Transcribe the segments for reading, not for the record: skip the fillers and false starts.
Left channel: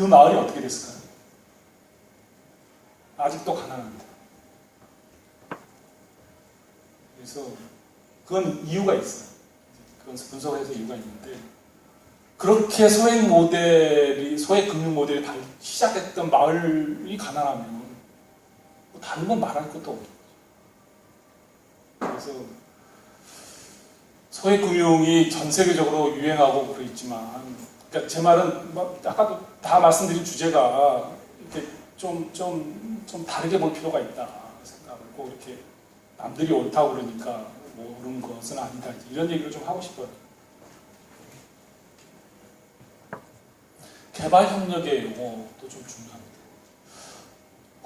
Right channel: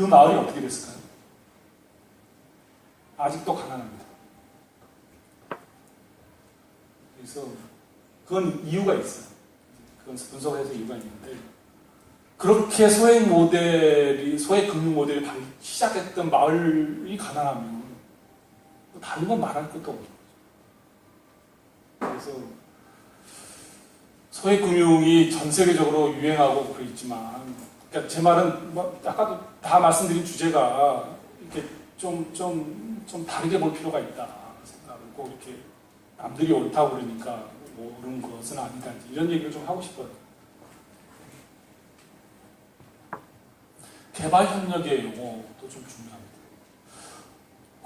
그 마을이 어떻게 됐을까요? 아직도 가난합니다. 그래서 그건 이유가 있어요. 그건 분석해서 이유가 있는데, 그렇게 소액 금융 모델이 시작했던 마을이 가난하면 다른 건 말할 것도 없죠. 그래서 소액 금융이 전 세계적으로 유행하고 그랬지만, 그러니까 제 말은 아까도 다 말씀드린 주제가 이렇게 좀 다르게 볼 필요가 있다 생각하고, 이렇게 남들이 옳다고 그러니까 옳은 것은 아니다, 이런 얘기를 좀 하고 싶어요. 개발협력의 용어도 좀 중요합니다.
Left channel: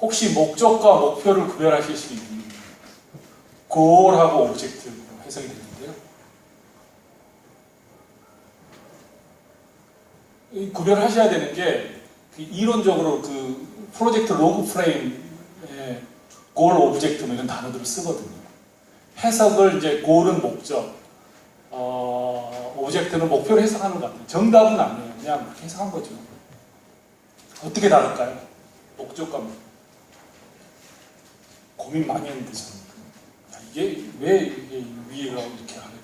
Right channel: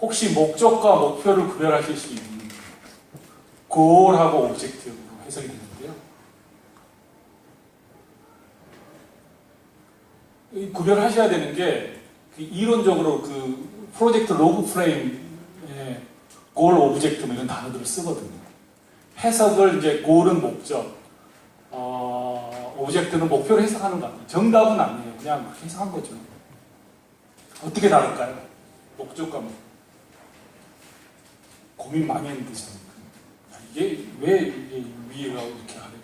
혹시 목적과 목표를 구별하실 수 있는 goal하고 objective로 해석이 되는데요. 구별하셔야 되는 게, 이론적으로 그 프로젝트 로그 프레임에 goal, objective 이런 단어들을 쓰거든요. 해석을 이제 goal은 목적, objective는 목표를 해석하는 것 같아요. 정답은 아니에요. 그냥 그렇게 해석한 거죠. 어떻게 다를까요? 목적과 목표. 고민 많이 했는데 저는 이게 왜 위에가 이렇게 하냐.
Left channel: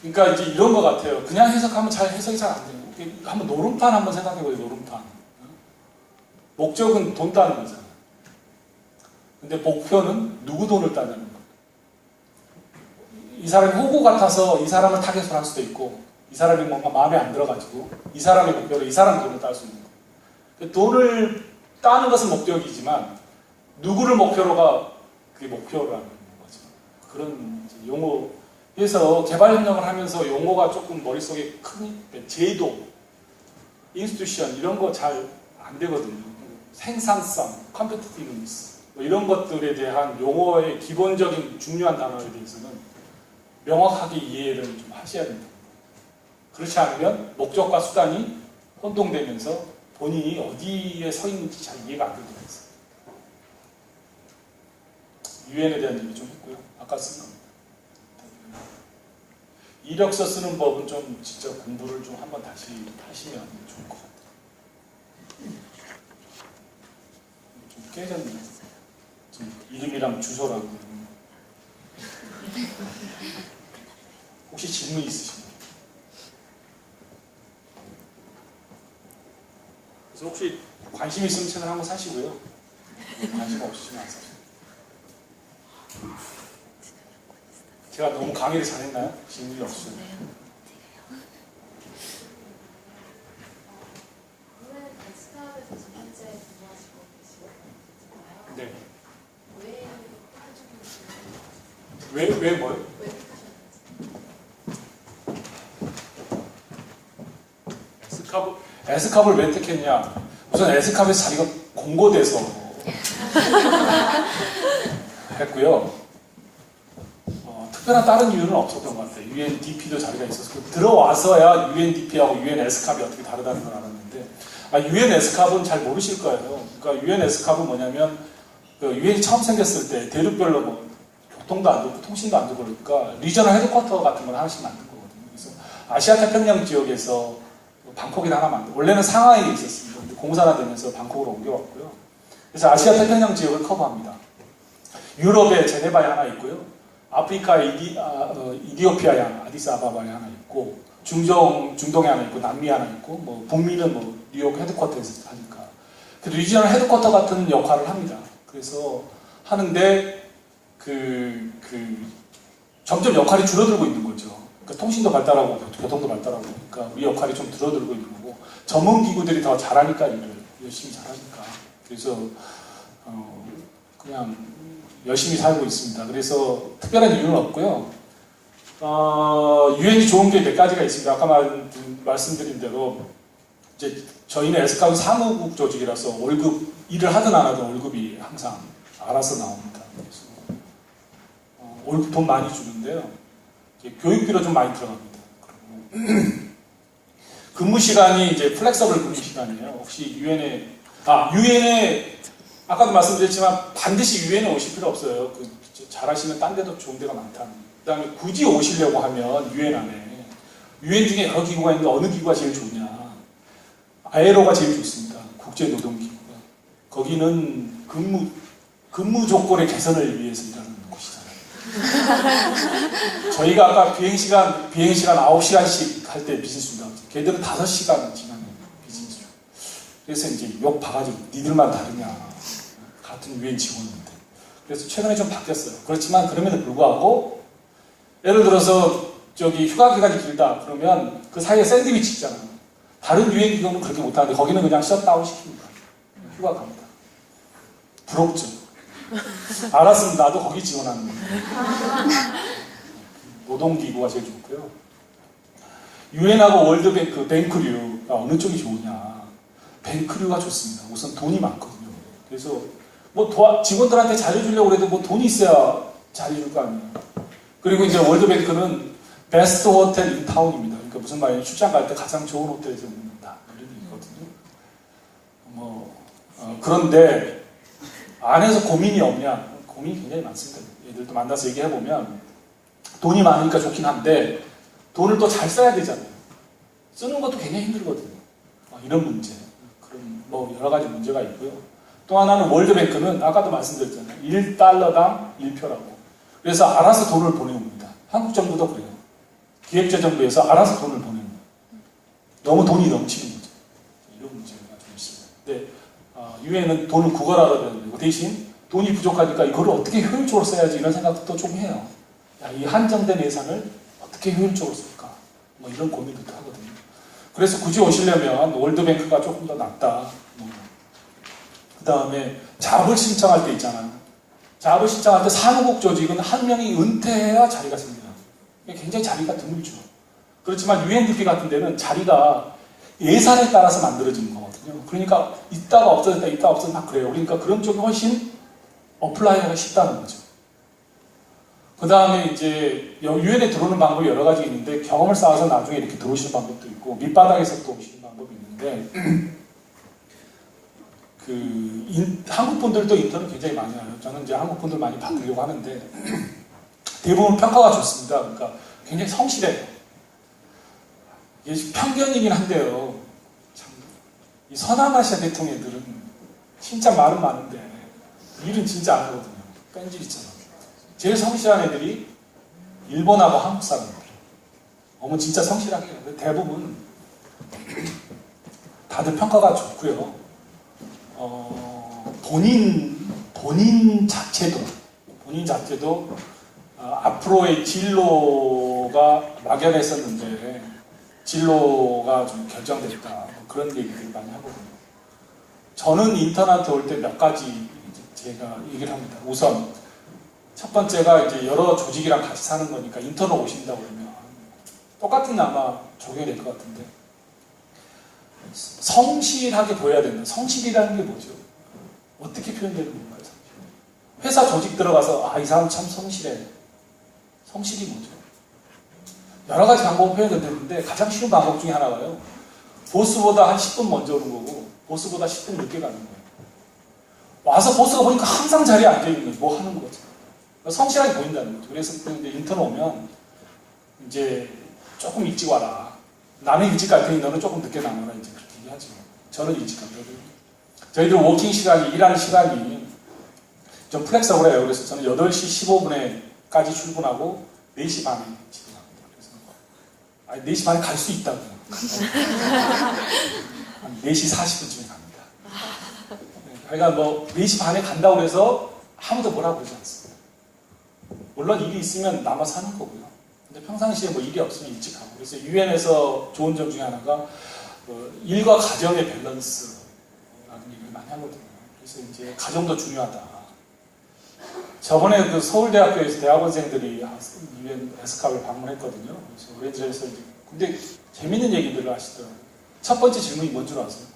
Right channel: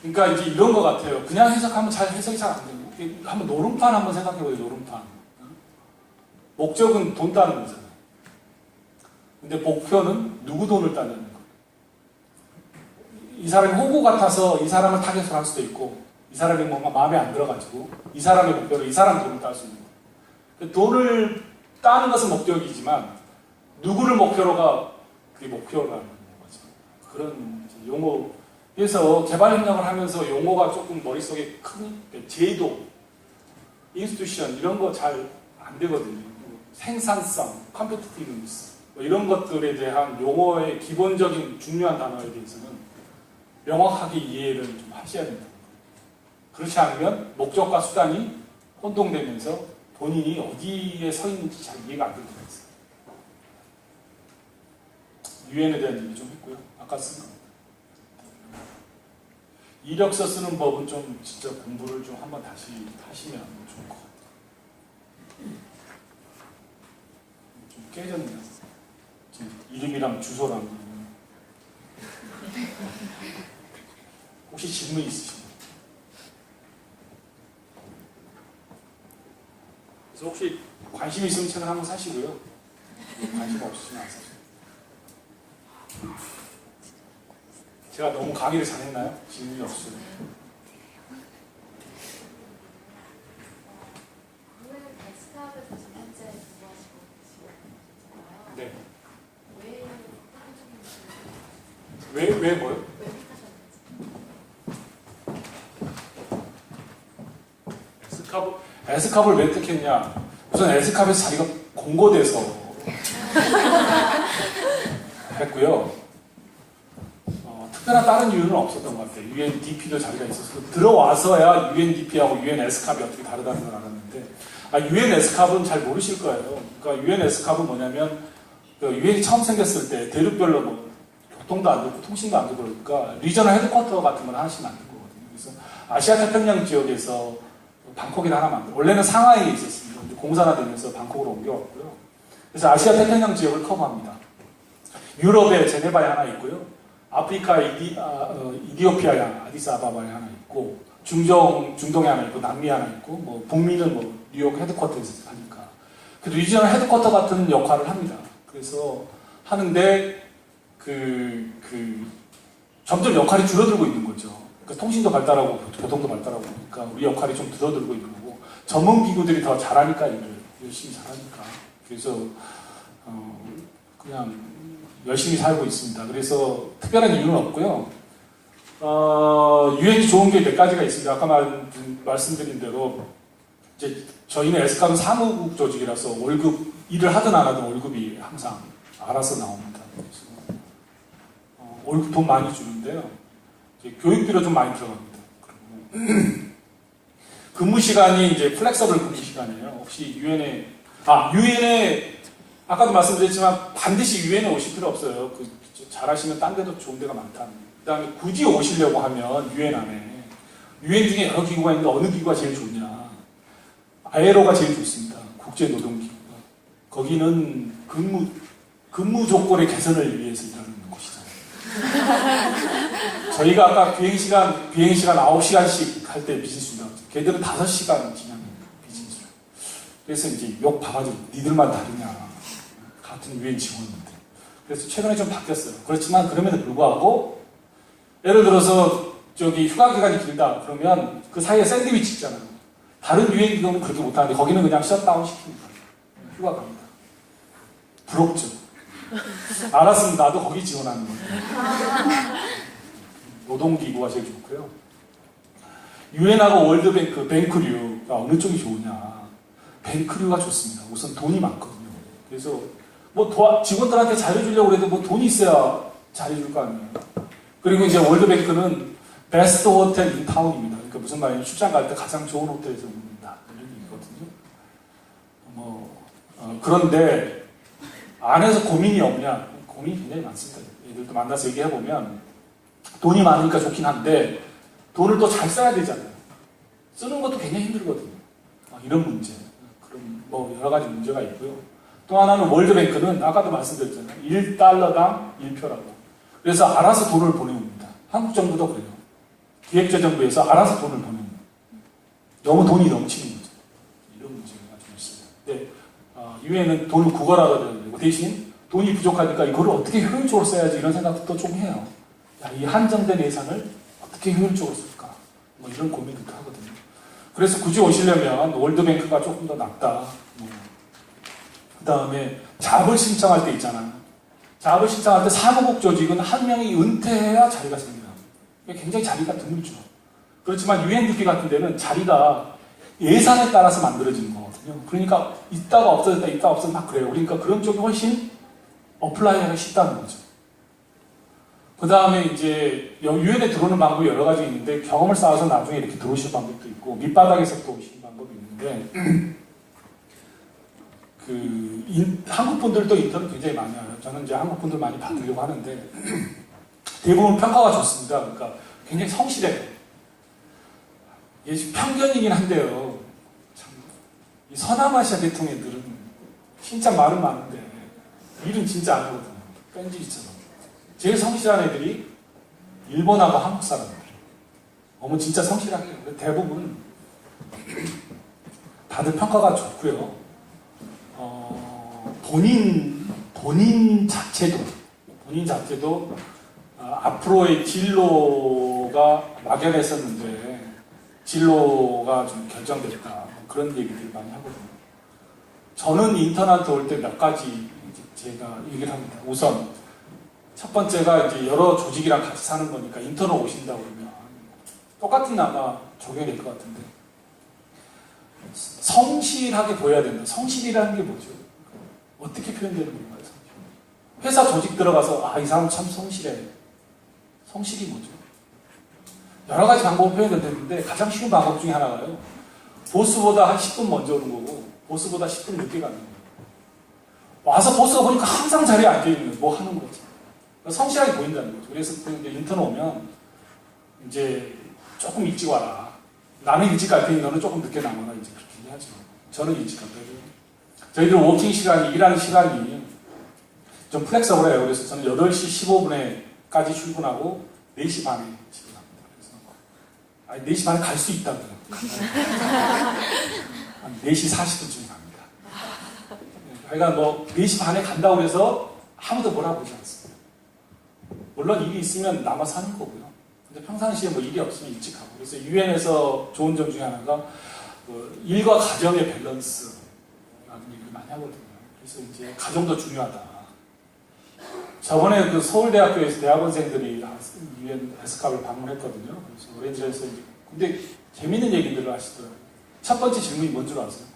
그러니까 이제 이런 것 같아요. 그냥 해석하면 해석이 잘 안 돼요. 한번 노름판 한번 생각해보세요. 노름판. 목적은 돈 따는 거잖아요. 근데 목표는 누구 돈을 따냐는 거예요. 이 사람이 호구 같아서 이 사람을 타겟으로 할 수도 있고, 이 사람이 뭔가 마음에 안 들어가지고 이 사람의 목표로 이 사람 돈을 딸 수 있는 거예요. 돈을 따는 것은 목적이지만 누구를 목표로가 그게 목표라는 거죠. 그런 용어. 그래서 개발협력을 하면서 용어가 조금 머릿속에 크니까 제도, 인스티튜션 이런 거 잘 안 되거든요. 생산성, 컴피티티브니스 이런 것들에 대한 용어의 기본적인 중요한 단어에 대해서는 명확하게 이해를 좀 하셔야 됩니다. 그렇지 않으면 목적과 수단이 혼동되면서 본인이 어디에 서 있는지 잘 이해가 안 되는 거예요. 유엔에 대한 얘기 좀 했고요. 아까 쓴 거. 이력서 쓰는 법은 좀 직접 공부를 좀 한번 다시 하시면 좋을 것 같아요. 좀 깨졌네요. 이름이랑 주소랑. 혹시 질문 있으신가요? 그래서 혹시 관심 있으면 채널 한번 사시고요. 관심 없으시면 안 사세요. 제가 너무 강의를 잘했나요? 질문이 없어요. 에스카드에서 지금 현재 근무하시고 계시잖아요. 네. 왜 택하셨는지. 왜 뭐요? 왜 택하셨는지. 에스캅을 왜 택했냐? 우선 에스캅에서 자리가 공고돼서 했고요. 특별한 다른 이유는 없었던 것 같아요. UNDP도 자리가 있었고, 들어와서야 UNDP하고 UN에스캅이 어떻게 다르다는 걸 알았는데, UN에스캅은 잘 모르실 거예요. 그러니까 UN에스캅은 뭐냐면, UN이 처음 생겼을 때 대륙별로 뭐 교통도 안 좋고 통신도 안 좋고 그러니까 리저널 헤드쿼터 같은 걸 하나씩 만든 거거든요. 그래서 아시아 태평양 지역에서 방콕이 하나 만들고, 원래는 상하이에 있었습니다. 공사가 되면서 방콕으로 옮겨왔고요. 그래서 아시아 태평양 지역을 커버합니다. 유럽에 제네바에 하나 있고요. 아프리카에 이디오피아에 하나, 아디스아바바에 하나 있고, 중동에 하나 있고, 남미에 하나 있고, 뭐 북미는 뭐 뉴욕 헤드쿼터에서 하니까 그 리지널 헤드쿼터 같은 역할을 합니다. 그래서 하는데 점점 역할이 줄어들고 있는 거죠. 그러니까 통신도 발달하고 교통도 발달하고 그러니까 우리 역할이 좀 줄어들고 있는 거고, 전문 기구들이 더 잘하니까 일을 열심히 잘하니까 그래서 그냥 열심히 살고 있습니다. 그래서 특별한 이유는 없고요. 유엔이 좋은 게 몇 가지가 있습니다. 아까 말씀드린 대로 이제 저희는 에스캅은 사무국 조직이라서 월급, 일을 하든 안 하든 월급이 항상 알아서 나옵니다. 그래서 월급 돈 많이 주는데요. 교육비로 좀 많이 들어갑니다. 근무 시간이 이제 플렉서블 근무 시간이에요. 혹시 유엔에 아까도 말씀드렸지만 반드시 유엔에 오실 필요 없어요. 잘하시면 딴 데도 좋은 데가 많다. 그 다음에 굳이 오시려고 하면 유엔 안에 유엔 중에 여러 기구가 있는데 어느 기구가 제일 좋냐? ILO가 제일 좋습니다. 국제노동기구가. 거기는 근무 조건의 개선을 위해서 일하는 곳이잖아요. 저희가 아까 비행시간 9시간씩 할 때 비즈니스입니다. 걔들은 5시간 지나는 비즈니스. 그래서 이제 욕 봐가지고 니들만 다르냐. 같은 유엔 직원인데. 그래서 최근에 좀 바뀌었어요. 그렇지만 그럼에도 불구하고 예를 들어서 저기 휴가 기간이 길다 그러면 그 사이에 샌드위치 있잖아요. 다른 유엔 기구는 그렇게 못하는데 거기는 그냥 셧다운 시킵니다. 휴가 갑니다. 부럽죠. 알았으면 나도 거기 지원하는 거예요. 노동기구가 제일 좋고요. 유엔하고 월드뱅크, 뱅크류가 어느 쪽이 좋으냐. 뱅크류가 좋습니다. 우선 돈이 많거든요. 그래서 뭐 직원들한테 잘해주려고 해도 뭐 돈이 있어야 잘해줄 거 아니에요. 그리고 이제 월드뱅크는 베스트 호텔 인 타운입니다. 그러니까 무슨 말이냐면 출장 갈 때 가장 좋은 호텔에서 묵는다. 이런 얘기거든요. 그런데 안에서 고민이 없냐? 고민이 굉장히 많습니다. 얘들도 만나서 얘기해보면 돈이 많으니까 좋긴 한데 돈을 또 잘 써야 되잖아요. 쓰는 것도 굉장히 힘들거든요. 이런 문제. 그런 뭐 여러 가지 문제가 있고요. 또 하나는 월드뱅크는 아까도 말씀드렸잖아요. 1달러당 1표라고. 그래서 알아서 돈을 보내옵니다. 한국 정부도 그래요. 기획재정부에서 알아서 돈을 보내옵니다. 너무 돈이 넘치는 거죠. 이런 문제가 좀 있습니다. 근데 유엔은 돈을 구걸하라고 되고 대신 돈이 부족하니까 이거를 어떻게 효율적으로 써야지 이런 생각도 좀 해요. 야, 이 한정된 예산을 어떻게 효율적으로 쓸까? 뭐 이런 고민도 하거든요. 그래서 굳이 오시려면 월드뱅크가 조금 더 낫다. 그 다음에 잡을 신청할 때 있잖아요. 잡을 신청할 때 사무국 조직은 한 명이 은퇴해야 자리가 씁니다. 굉장히 자리가 드물죠. 그렇지만 UNDP 같은 데는 자리가 예산에 따라서 만들어지는 거거든요. 그러니까 있다가 없어졌다, 있다가 없어졌다 막 그래요. 그러니까 그런 쪽이 훨씬 어플라이하기 쉽다는 거죠. 그 다음에 이제 유엔에 들어오는 방법이 여러 가지 있는데 경험을 쌓아서 나중에 이렇게 들어오실 방법도 있고 밑바닥에서 또 오시는 방법이 있는데 한국 분들도 인턴을 굉장히 많이 하요. 저는 이제 한국 분들 많이 받으려고 하는데 대부분 평가가 좋습니다. 그러니까 굉장히 성실해요. 이게 편견이긴 한데요. 이 서남아시아 계통애들은 진짜 말은 많은데 일은 진짜 안 하거든요. 끈질기처럼. 제일 성실한 애들이 일본하고 한국 사람들. 진짜 성실하게 해요. 대부분 다들 평가가 좋고요. 본인 자체도 앞으로의 진로가 막연했었는데 진로가 좀 결정됐다. 그런 얘기를 많이 하거든요. 저는 인턴한테 올 때 몇 가지 제가 얘기를 합니다. 우선 첫 번째가 이제 여러 조직이랑 같이 사는 거니까 인턴을 오신다 그러면 똑같은 아마 적용이 될 것 같은데 성실하게 보여야 된다. 성실이라는 게 뭐죠? 어떻게 표현되는 건가요? 회사 조직 들어가서 이 사람 참 성실해. 성실이 뭐죠? 여러 가지 방법을 표현되는데 가장 쉬운 방법 중에 하나가요. 보스보다 한 10분 먼저 오는 거고 보스보다 10분 늦게 가는 거예요. 와서 보스가 보니까 항상 자리에 앉아있는 거예요. 뭐 하는 거죠? 성실하게 보인다는 거죠. 그래서 이제 인턴 오면 이제 조금 일찍 와라. 나는 일찍 갈 테니 너는 조금 늦게 나와라. 이제 그렇게 얘기하죠. 저는 일찍 가거든요. 저희들 워킹 시간이, 일하는 시간이 좀 플렉서블해요. 그래서 저는 8시 15분에까지 출근하고 4시 반에 집에 갑니다. 그래서 4시 반에 갈 수 있다고요. 한 4시 40분쯤에 갑니다. 그러니까 4시 반에 간다고 해서 아무도 뭐라고 그러지 않습니다. 물론 일이 있으면 남아서 사는 거고요. 근데 평상시에 일이 없으면 일찍 가고. 그래서 유엔에서 좋은 점 중에 하나가 일과 가정의 밸런스라는 얘기를 많이 하거든요. 그래서 이제 가정도 중요하다. 저번에 서울대학교에서 대학원생들이 유엔 에스캅을 방문했거든요. 그래서 오렌지에서 근데 재밌는 얘기들을 하시더라고요. 첫 번째 질문이 뭔 줄 아세요?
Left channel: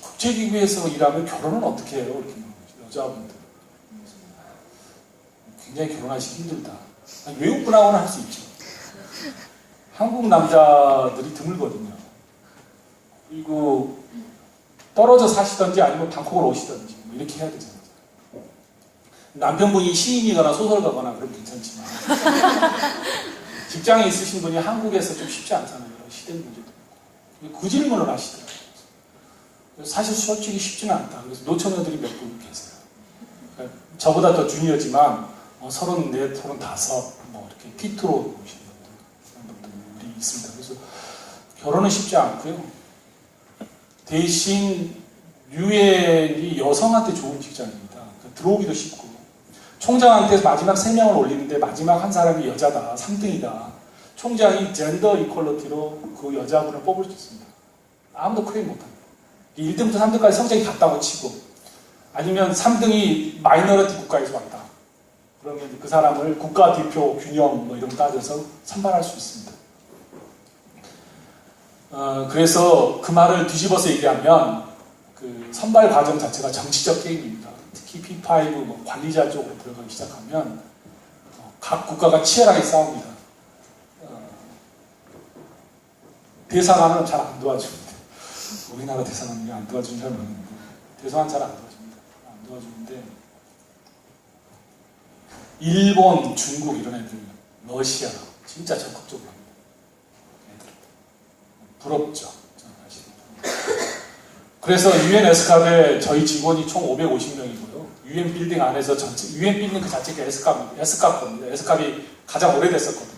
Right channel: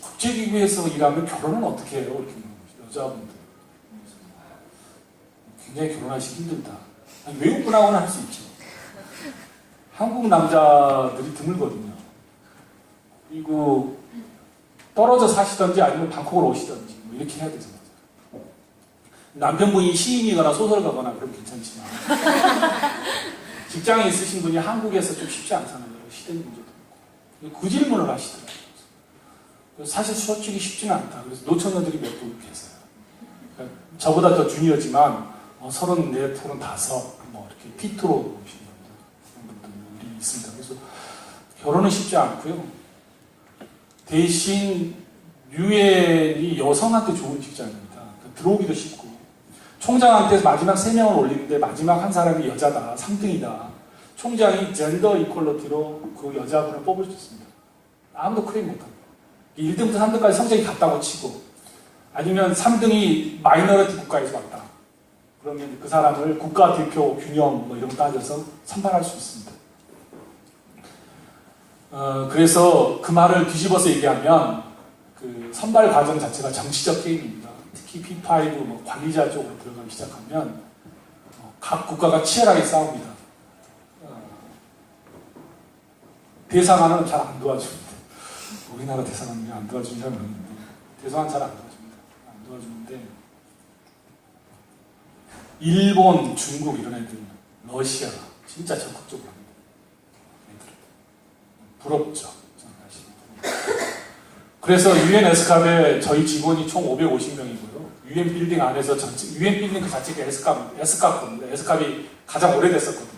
국제기구에서 일하면 결혼은 어떻게 해요? 이렇게 물어보죠. 여자분들. 굉장히 결혼하기 힘들다. 외국분하고는 할 수 있죠. 한국 남자들이 드물거든요. 그리고 떨어져 사시던지 아니면 방콕으로 오시던지 이렇게 해야 되잖아요. 남편분이 시인이거나 소설가거나 그럼 괜찮지만 직장에 있으신 분이 한국에서 좀 쉽지 않잖아요. 시대 문제도 있고. 그 질문을 하시더라고요. 사실 솔직히 쉽지는 않다. 그래서 노처녀들이 몇 분 계세요. 그러니까 저보다 더 주니어지만 34, 35, 뭐 이렇게 피트로 오신 분들이 있습니다. 그래서 결혼은 쉽지 않고요. 대신 유엔이 여성한테 좋은 직장입니다. 그러니까 들어오기도 쉽고 총장한테 마지막 3명을 올리는데 마지막 한 사람이 여자다. 3등이다. 총장이 젠더 이퀄리티로 그 여자분을 뽑을 수 있습니다. 아무도 클레임 못합니다. 1등부터 3등까지 성적이 같다고 치고 아니면 3등이 마이너리티 국가에서 왔다. 그러면 그 사람을 국가대표 균형 뭐 이런 거 따져서 선발할 수 있습니다. 그래서 그 말을 뒤집어서 얘기하면 그 선발 과정 자체가 정치적 게임입니다. 특히 P5 뭐 관리자 쪽으로 들어가기 시작하면 각 국가가 치열하게 싸웁니다. 대사관은 잘 안 도와줍니다. 우리나라 대사관은 안 도와주는 사람이 있는데 대사관 잘 안 도와줍니다. 안 도와주는데 일본, 중국 이런 애들, 러시아 진짜 적극적으로 합니다. 애들 부럽죠. 그래서 유엔 에스캅에 저희 직원이 총 550명이고요. 유엔 빌딩 안에서 전체 유엔 빌딩 그 자체가 에스캅인데 에스캅이 가장 오래됐었거든요.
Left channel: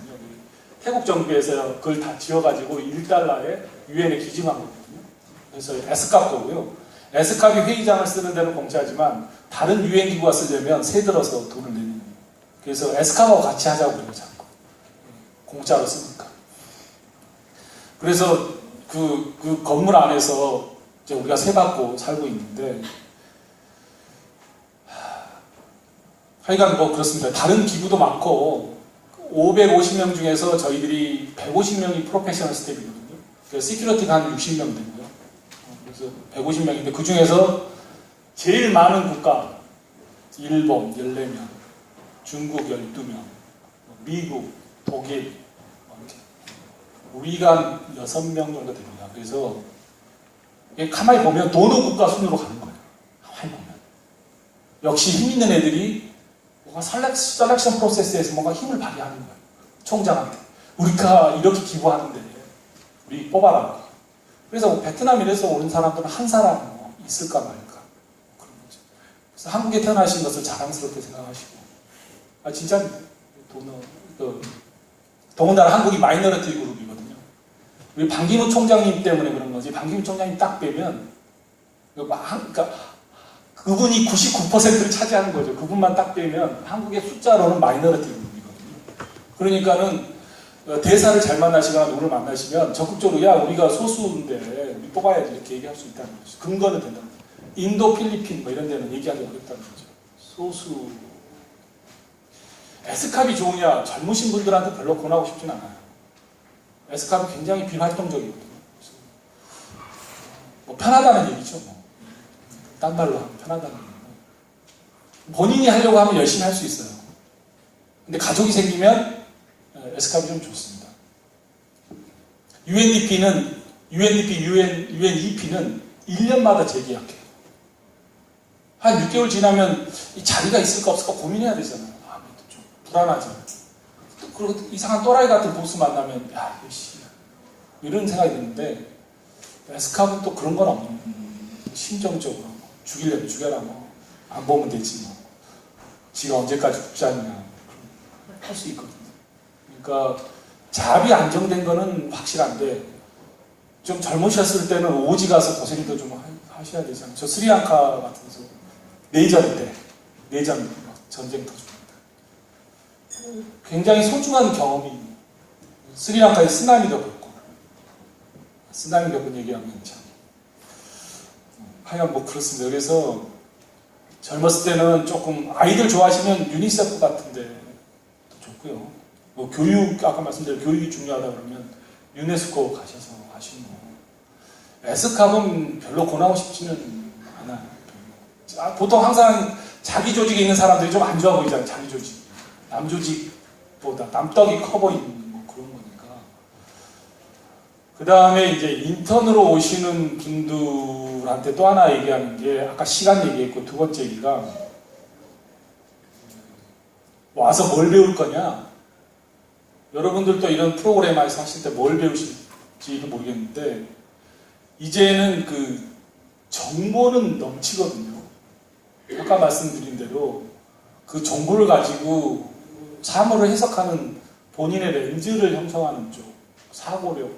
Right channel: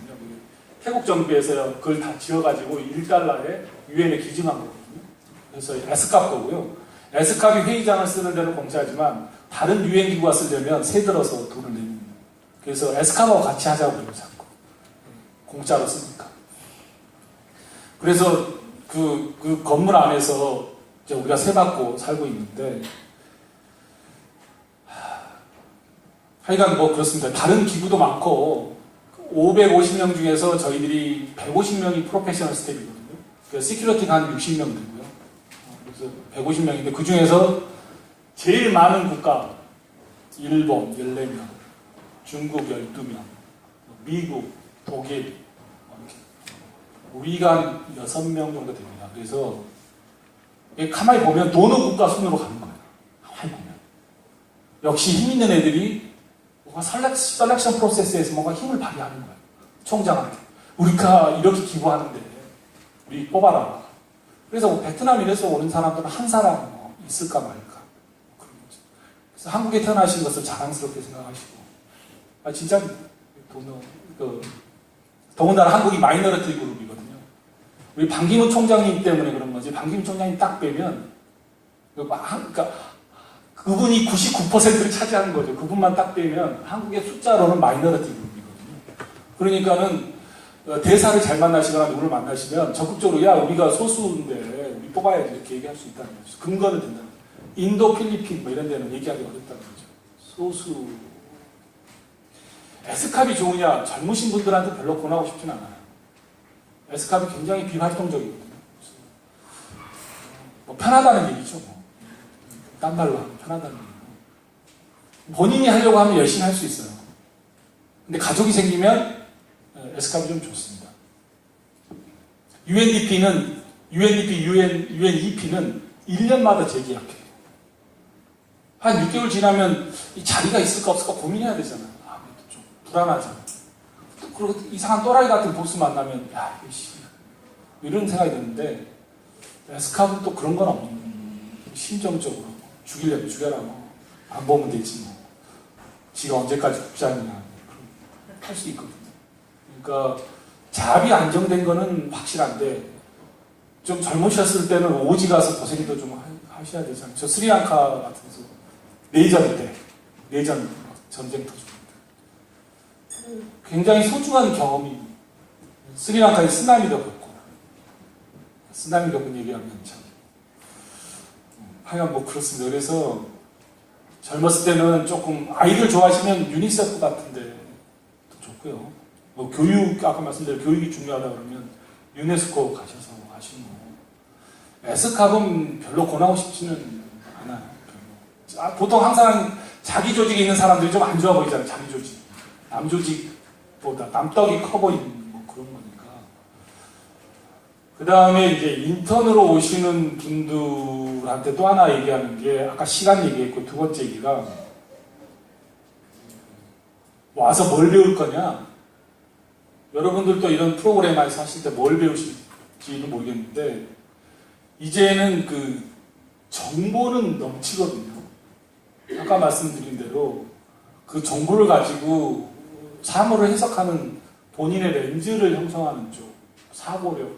태국 정부에서 그걸 다 지어가지고 1달러에 유엔에 기증한 거거든요. 그래서 에스캅 거고요. 에스캅이 회의장을 쓰는 데는 공짜지만 다른 유엔 기구가 쓰려면 세 들어서 돈을 내는 거예요. 그래서 에스캅하고 같이 하자고 그래요, 자꾸. 공짜로 쓰니까. 그래서 그 건물 안에서 이제 우리가 세받고 살고 있는데 하여간 뭐 그렇습니다. 다른 기구도 많고 550명 중에서 저희들이 150명이 프로페셔널 스텝이거든요. 그래서 시큐리티가 한 60명 되고요. 그래서 150명인데 그 중에서 제일 많은 국가 일본 14명, 중국 12명, 미국, 독일 이렇게 우리가 6명 정도 됩니다. 그래서 가만히 보면 노노 국가 순으로 가는 거예요. 가만히 보면 역시 힘 있는 애들이 뭔가 셀렉션 프로세스에서 뭔가 힘을 발휘하는 거예요. 총장한테. 우리가 이렇게 기부하는데 우리 뽑아라. 그래서 베트남에서 오는 사람들은 한 사람 있을까 말까. 그런 거죠. 그래서 한국에 태어나신 것을 자랑스럽게 생각하시고. 진짜 더군다나 한국이 마이너리티 그룹이거든요. 우리 반기문 총장님 때문에 그런 거지. 반기문 총장님 딱 빼면 그러니까 그분이 99%를 차지하는 거죠. 그분만 딱 빼면 한국의 숫자로는 마이너리티 그룹이거든요. 그러니까는 대사를 잘 만나시거나 누구를 만나시면 적극적으로 야 우리가 소수인데 우리 뽑아야지 이렇게 얘기할 수 있다는 거죠. 근거는 된다는 거죠. 인도, 필리핀 뭐 이런 데는 얘기하기 어렵다는 거죠. 소수. 에스캅이 좋으냐? 젊으신 분들한테 별로 권하고 싶진 않아요. 에스캅이 굉장히 비활동적이거든요. 뭐 편하다는 얘기죠. 뭐. 딴 말로 하면 편하다는 얘기죠. 본인이 하려고 하면 열심히 할 수 있어요. 근데 가족이 생기면 에스캅이 좀 좋습니다. UNEP는 1년마다 재계약해요. 한 6개월 지나면 이 자리가 있을까 없을까 고민해야 되잖아요. 아무래도 좀 불안하잖아요. 그리고 이상한 또라이 같은 보스 만나면 야 이씨 이런 생각이 드는데 에스캅은 또 그런 건 없는 거예요. 심정적으로 죽이려면 죽여라 뭐. 안 보면 되지 뭐. 지가 언제까지 국장이냐 할 수 있거든요. 그러니까 자압이 안정된 거는 확실한데 좀 젊으셨을 때는 오지 가서 고생도 좀 하셔야 되잖아요. 저 스리랑카 같은 데서 내전 전쟁터 중입니다. 굉장히 소중한 경험이 스리랑카에 쓰나미도 겪고 쓰나미 겪은 얘기하면 참 하여간 뭐 그렇습니다. 그래서 젊었을 때는 조금 아이들 좋아하시면 유니세프 같은데 좋고요. 뭐 교육 아까 말씀드린 교육이 중요하다 그러면 유네스코 가셔서 하시고 에스캅은 별로 권하고 싶지는 않아요. 보통 항상 자기 조직에 있는 사람들이 좀 안 좋아 보이잖아요. 자기 조직. 남 조직보다 남떡이 커 보이는 뭐 그런 거니까. 그 다음에 이제 인턴으로 오시는 분들한테 또 하나 얘기하는 게 아까 시간 얘기했고 두 번째 얘기가 와서 뭘 배울 거냐? 여러분들도 이런 프로그램에서 하실 때 뭘 배우실지는 모르겠는데 이제는 그 정보는 넘치거든요. 아까 말씀드린 대로 그 정보를 가지고 사물을 해석하는 본인의 렌즈를 형성하는 쪽, 사고력.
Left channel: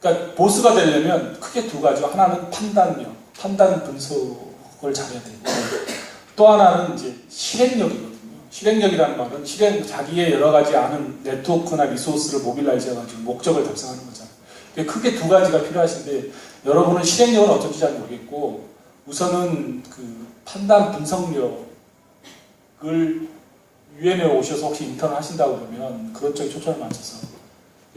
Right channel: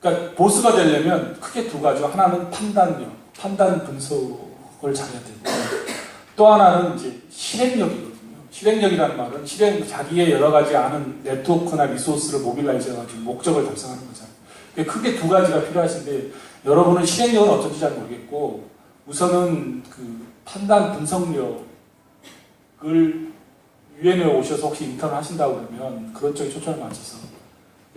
그러니까 보스가 되려면 크게 두 가지죠. 하나는 판단력, 판단 분석을 잘해야 되고 또 하나는 이제 실행력이거든요. 실행력이라는 말은 자기의 여러 가지 아는 네트워크나 리소스를 모빌라이즈 해가지고 목적을 달성하는 거잖아요. 크게 두 가지가 필요하신데 여러분은 실행력은 어떤지 잘 모르겠고 우선은 그 판단 분석력을 유엔에 오셔서 혹시 인턴을 하신다고 그러면 그런 쪽에 초점을 맞춰서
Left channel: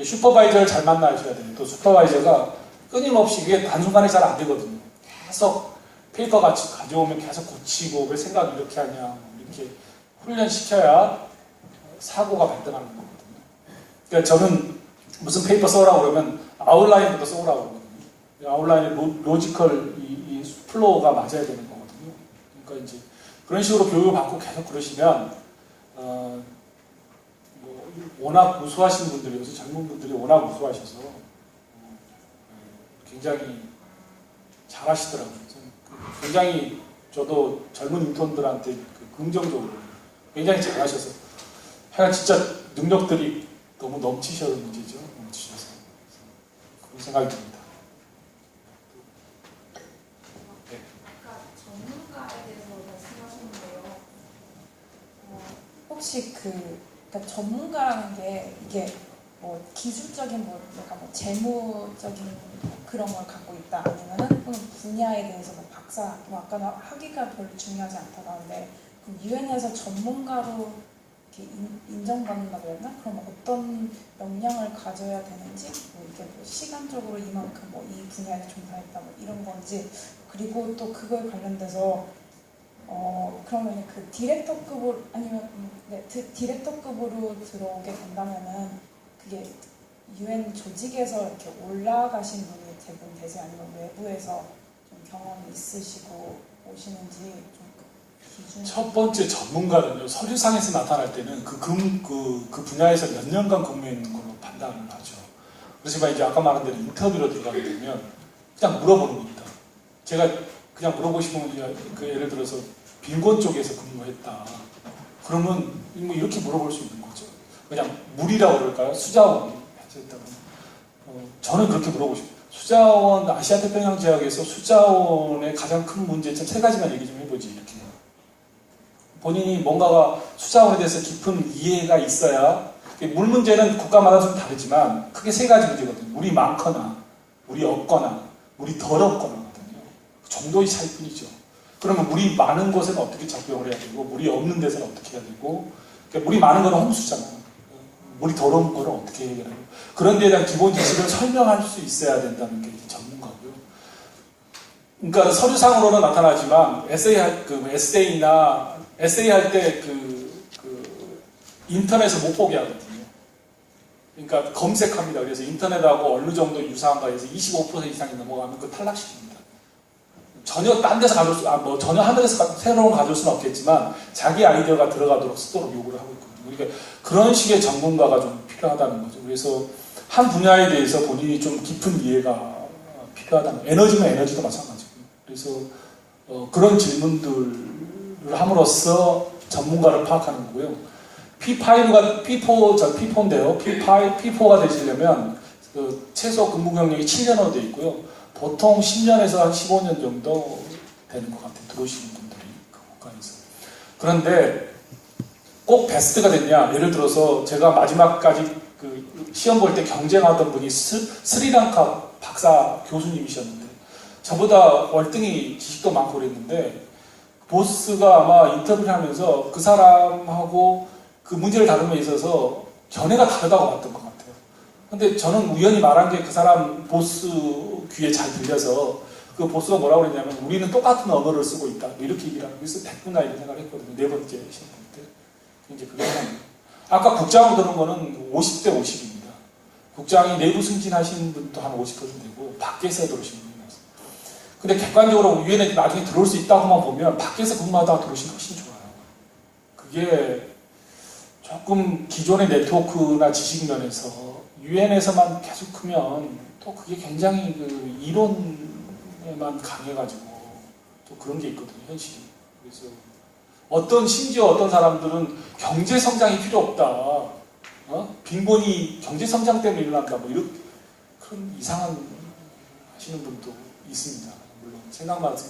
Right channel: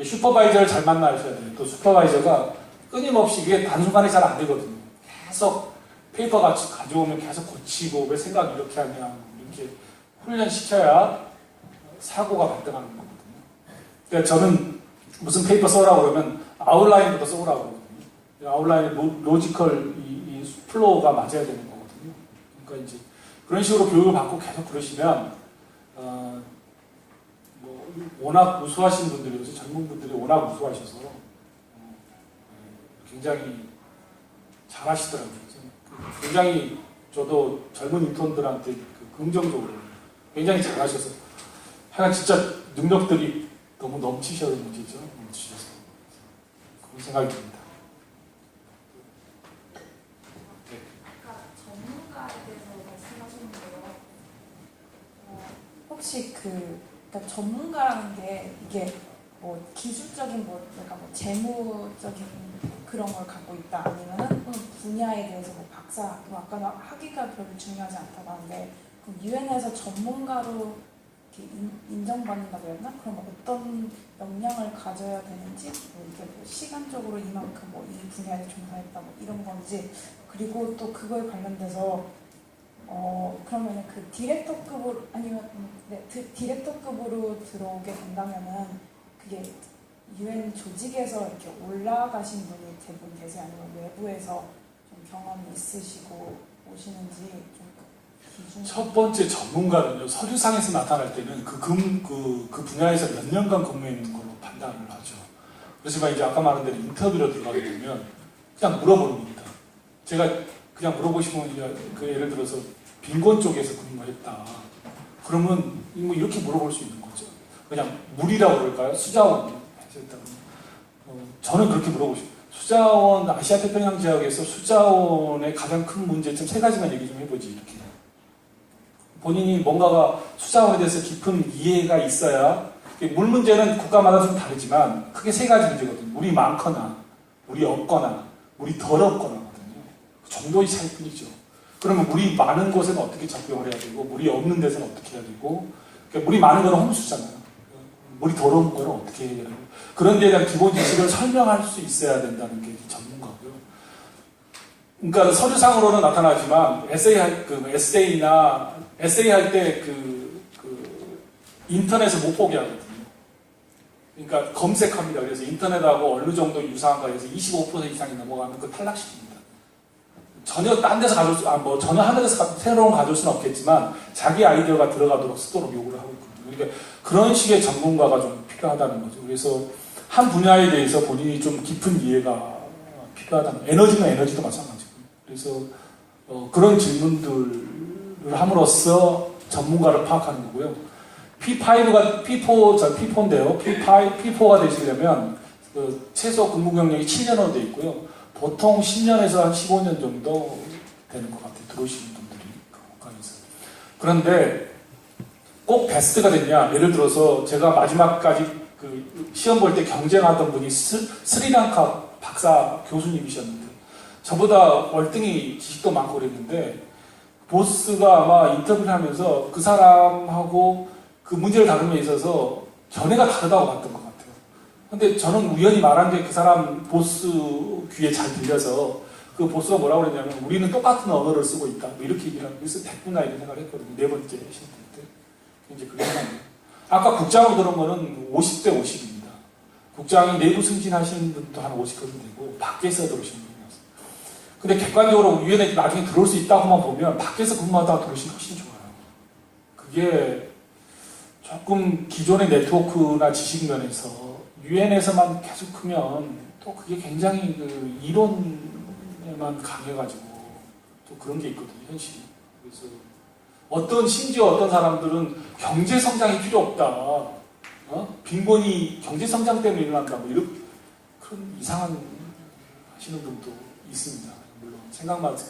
슈퍼바이저를 잘 만나셔야 돼요. 또 슈퍼바이저가 끊임없이 이게 단순간에 잘 안 되거든요. 계속 페이퍼 같이 가져오면 계속 고치고 왜 생각 이렇게 하냐 이렇게 훈련시켜야 사고가 발생하는 거거든요. 그러니까 저는 무슨 페이퍼 써라고 그러면 아웃라인부터 써오라고 그러거든요. 아웃라인의 로지컬 이 플로우가 맞아야 되는 거거든요. 그러니까 이제 그런 식으로 교육을 받고 계속 그러시면 뭐 워낙 우수하신 분들이 요새 젊은 분들이 워낙 우수하셔서 굉장히 잘하시더라고요. 굉장히 저도 젊은 인턴들한테 긍정적으로 굉장히 잘하셔서 하여간 진짜 능력들이 너무 넘치셔서 문제죠. 넘치셔서 그런 생각이 듭니다. 네. 아까 전문가에 대해서 말씀하셨는데요. 혹시 그러니까 전문가라는 게 이게 뭐 기술적인 그러니까 뭐 재무적인 그런 걸 갖고 있다 아니면은 분야에 대해서 뭐 박사 뭐 아까 학위가 별로 중요하지 않다고 하는데 그럼 유엔에서 전문가로 이렇게 인정받는다고 해야 되나? 그럼 어떤 역량을 가져야 되는지 뭐 이게 뭐 시간적으로 이만큼 뭐 이 분야에서 종사했다 뭐 이런 건지 그리고 또 그거에 관련돼서 그러면 그 디렉터급으로 아니면 디렉터급으로 들어오게 된다면은 그게 유엔 조직에서 이렇게 올라가신 분이 대부분 되지 아니면 외부에서 좀 경험이 있으시고 오시는지 좀 기준. 첫 번째 전문가는요 서류상에서 나타날 때는 그 분야에서 몇 년간 근무해 있는 걸로 판단을 하죠. 그렇지만 이제 아까 말한 대로 인터뷰로 들어가게 되면 그냥 물어보는 겁니다. 제가 그냥 물어보시면 그 예를 들어서 빈곤 쪽에서 근무했다. 그러면 뭐 이렇게 물어볼 수 있는 거죠. 그냥 물이라고 그럴까요? 수자원 하셨다면 저는 그렇게 물어보고 싶어요. 수자원 아시아 태평양 지역에서 수자원의 가장 큰 문제점 세 가지만 얘기 좀 해보지 이렇게. 본인이 뭔가가 수자원에 대해서 깊은 이해가 있어야 물 문제는 국가마다 좀 다르지만 크게 세 가지 문제거든요. 물이 많거나 물이 없거나 물이 덜 없거나거든요. 그 정도의 차이뿐이죠. 그러면 물이 많은 곳은 어떻게 작용을 해야 되고 물이 없는 데서는 어떻게 해야 되고 그러니까 물이 많은 거는 홍수잖아요. 물이 더러운 거는 어떻게 해야 되고 그런 데에 대한 기본 지식을 설명할 수 있어야 된다는 게 전문가고요. 그러니까 서류상으로는 나타나지만 에세이 할 때 인터넷을 못 보게 하거든요. 그러니까 검색합니다. 그래서 인터넷하고 어느 정도 유사한가 해서 25% 이상이 넘어가면 그 탈락시킵니다. 전혀 딴 데서 전혀 하늘에서 새로운 거 가져올 수는 없겠지만 자기 아이디어가 들어가도록 쓰도록 요구를 하고 있거든요. 그러니까 그런 식의 전문가가 좀 필요하다는 거죠. 그래서 한 분야에 대해서 본인이 좀 깊은 이해가 필요하다는 에너지는 에너지도 마찬가지고 그래서 그런 질문들을 함으로써 전문가를 파악하는 거고요. P4인데요. P4가 되시려면 최소 근무 경력이 7년으로 되어 있고요. 보통 10년에서 한 15년 정도 되는 것 같아요. 들어오시는 분들이 그 국가에서. 그런데 꼭 베스트가 됐냐? 예를 들어서 제가 마지막까지 그 시험 볼 때 경쟁하던 분이 스리랑카 박사 교수님이셨는데 저보다 월등히 지식도 많고 그랬는데 보스가 아마 인터뷰를 하면서 그 사람하고 그 문제를 다루면 있어서 견해가 다르다고 봤던 것 같아요. 근데 저는 우연히 말한 게 그 사람 보스 귀에 잘 들려서 그 보스가 뭐라고 그랬냐면 우리는 똑같은 언어를 쓰고 있다. 뭐 이렇게 얘기를 하고 그래서 됐구나 이런 생각을 했거든요. 네 번째 시험 때. 이제 그게 생각나요. 아까 국장으로 들은 거는 50대 50입니다. 국장이 내부 승진하신 분도 한 50% 되고 밖에서 들어오시는 분이었어요. 근데 객관적으로 유엔에 나중에 들어올 수 있다고만 보면 밖에서 근무하다가 들어오시면 훨씬 좋아요. 그게 조금 기존의 네트워크나 지식 면에서 유엔에서만 계속 크면 또 그게 굉장히 그 이론에만 강해가지고 또 그런 게 있거든요, 현실이. 그래서 심지어 어떤 사람들은 경제 성장이 필요 없다. 빈곤이 경제 성장 때문에 일어난다. 뭐 이런 그런 이상한 하시는 분도 있습니다. 물론 생각만은 좀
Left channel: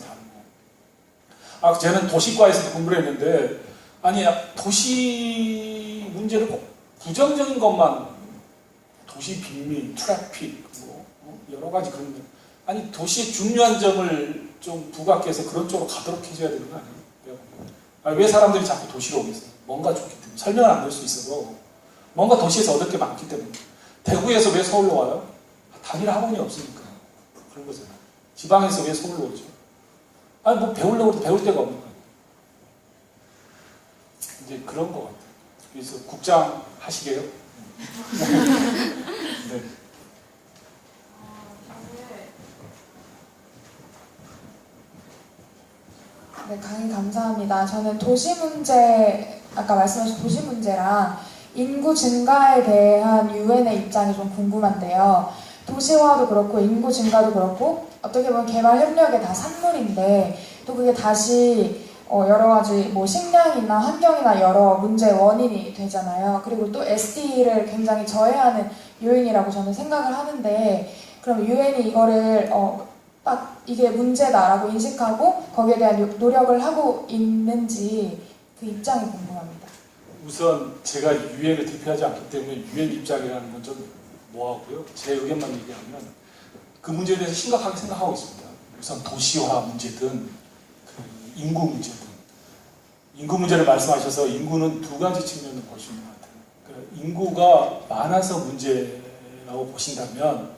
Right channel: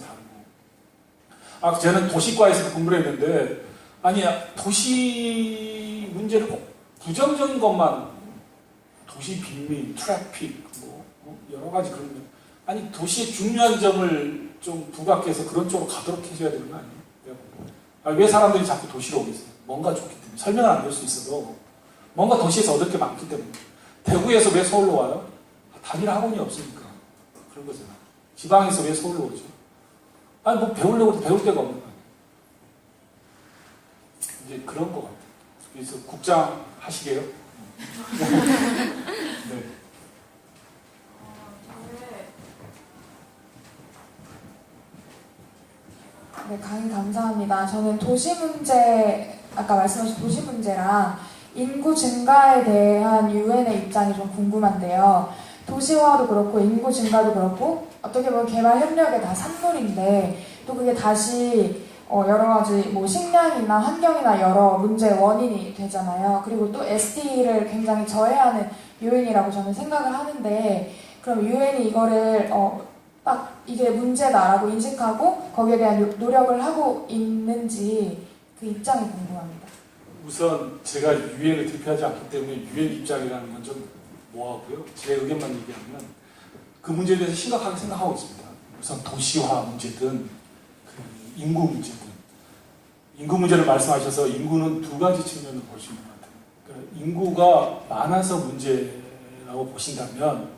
다르고. 저는 도시과에서 공부를 했는데 아니 도시 문제를 꼭 부정적인 것만 도시 빈민, 트래픽 뭐 여러 가지 그런 거. 아니 도시의 중요한 점을 좀 부각해서 그런 쪽으로 가도록 해줘야 되는 거 아니에요? 왜 사람들이 자꾸 도시로 오겠어요? 뭔가 좋기 때문에. 설명은 안 될 수 있어도 뭔가 도시에서 얻을 게 많기 때문에. 대구에서 왜 서울로 와요? 단일 학원이 없으니까. 그런 거잖아요. 지방에서 왜 서울로 오죠? 아니 뭐 배우려고 배울 데가 없는 거예요. 이제 그런 것 같아요. 그래서 국장 하시게요? 네. 네, 강의 감사합니다. 저는 도시 문제, 아까 말씀하신 도시 문제랑 인구 증가에 대한 유엔의 입장이 좀 궁금한데요. 도시화도 그렇고 인구 증가도 그렇고 어떻게 보면 개발 협력의 다 산물인데 또 그게 다시 여러 가지 뭐 식량이나 환경이나 여러 문제의 원인이 되잖아요. 그리고 또 SD를 굉장히 저해하는 요인이라고 저는 생각을 하는데 그럼 유엔이 이거를 딱 이게 문제다라고 인식하고 거기에 대한 노력을 하고 있는지 그 입장이 궁금합니다. 우선 제가 유엔을 대표하지 않기 때문에 유엔 입장이라는 건 좀 뭐하고요. 제 의견만 얘기하면 그 문제에 대해서 심각하게 생각하고 있습니다. 우선 도시화 문제든 그 인구 문제든 인구 문제를 말씀하셔서 인구는 두 가지 측면을 볼 수 있는 것 같아요. 그러니까 인구가 많아서 문제라고 보신다면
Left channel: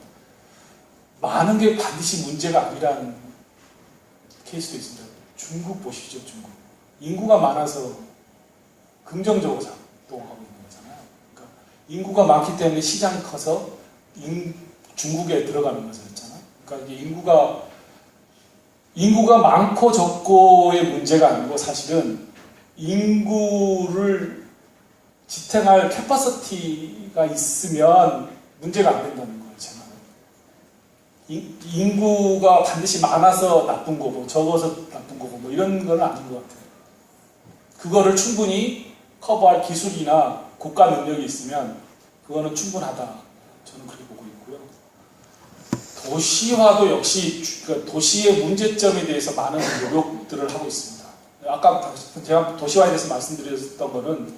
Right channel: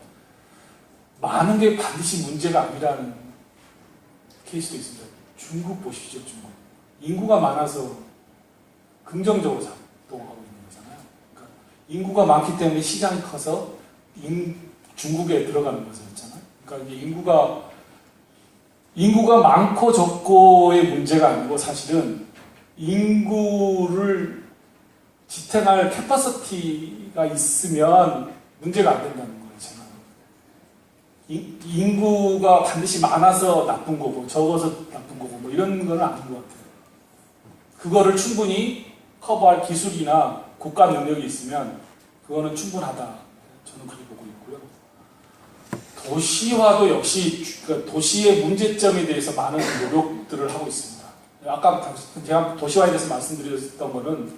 많은 게 반드시 문제가 아니라는 케이스도 있습니다. 중국 보십시오, 중국. 인구가 많아서 긍정적으로 작동하고 있는 거잖아요. 그러니까 인구가 많기 때문에 시장이 커서 중국에 들어가는 것이었잖아요. 그러니까 이게 인구가 많고 적고의 문제가 아니고 사실은 인구를 지탱할 캐파시티가 있으면 문제가 안 된다는 거예요, 제가. 인구가 반드시 많아서 나쁜 거고 적어서 나쁜 거고 뭐 이런 건 아닌 것 같아요. 그거를 충분히 커버할 기술이나 국가 능력이 있으면 그거는 충분하다. 저는 그렇게 보고 있고요. 도시화도 역시 도시의 문제점에 대해서 많은 노력들을 하고 있습니다. 아까 제가 도시화에 대해서 말씀드렸던 거는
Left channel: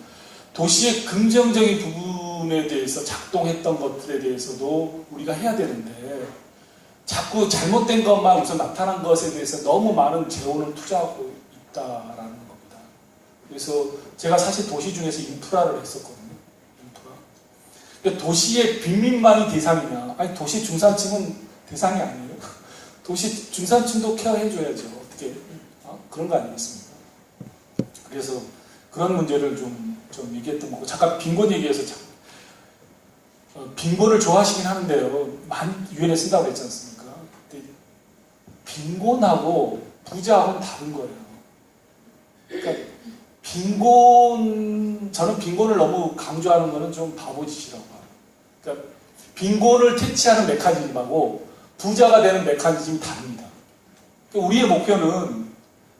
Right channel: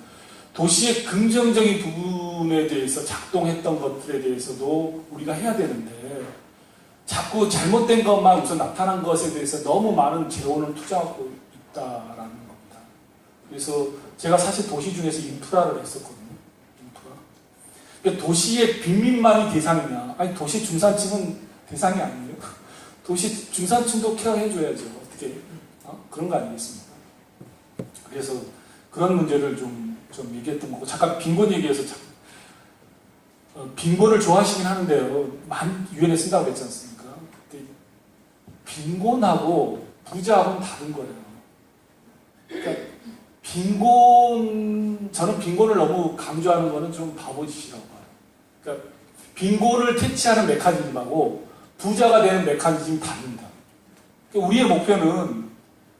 도시의 긍정적인 부분에 대해서 작동했던 것들에 대해서도 우리가 해야 되는데 자꾸 잘못된 것만 우선 나타난 것에 대해서 너무 많은 재원을 투자하고 있다라는 겁니다. 그래서 제가 사실 도시 중에서 인프라를 했었거든요. 그러니까 도시의 빈민만이 대상이나 아니 도시 중산층은 대상이 아니에요. 도시 중산층도 케어해줘야죠. 어떻게 그런 거 아니겠습니까? 그래서 그런 문제를 좀 얘기했던 거고 잠깐 빈곤 얘기해서 빈곤을 좋아하시긴 하는데요. 많이 유엔에 쓴다고 그랬지 않습니까? 근데 빈곤하고 부자하고는 다른 거예요. 그러니까 저는 빈곤을 너무 강조하는 거는 좀 바보짓이라고 봐요. 그러니까 빈곤을 퇴치하는 메커니즘하고 부자가 되는 메커니즘이 다릅니다. 그러니까 우리의 목표는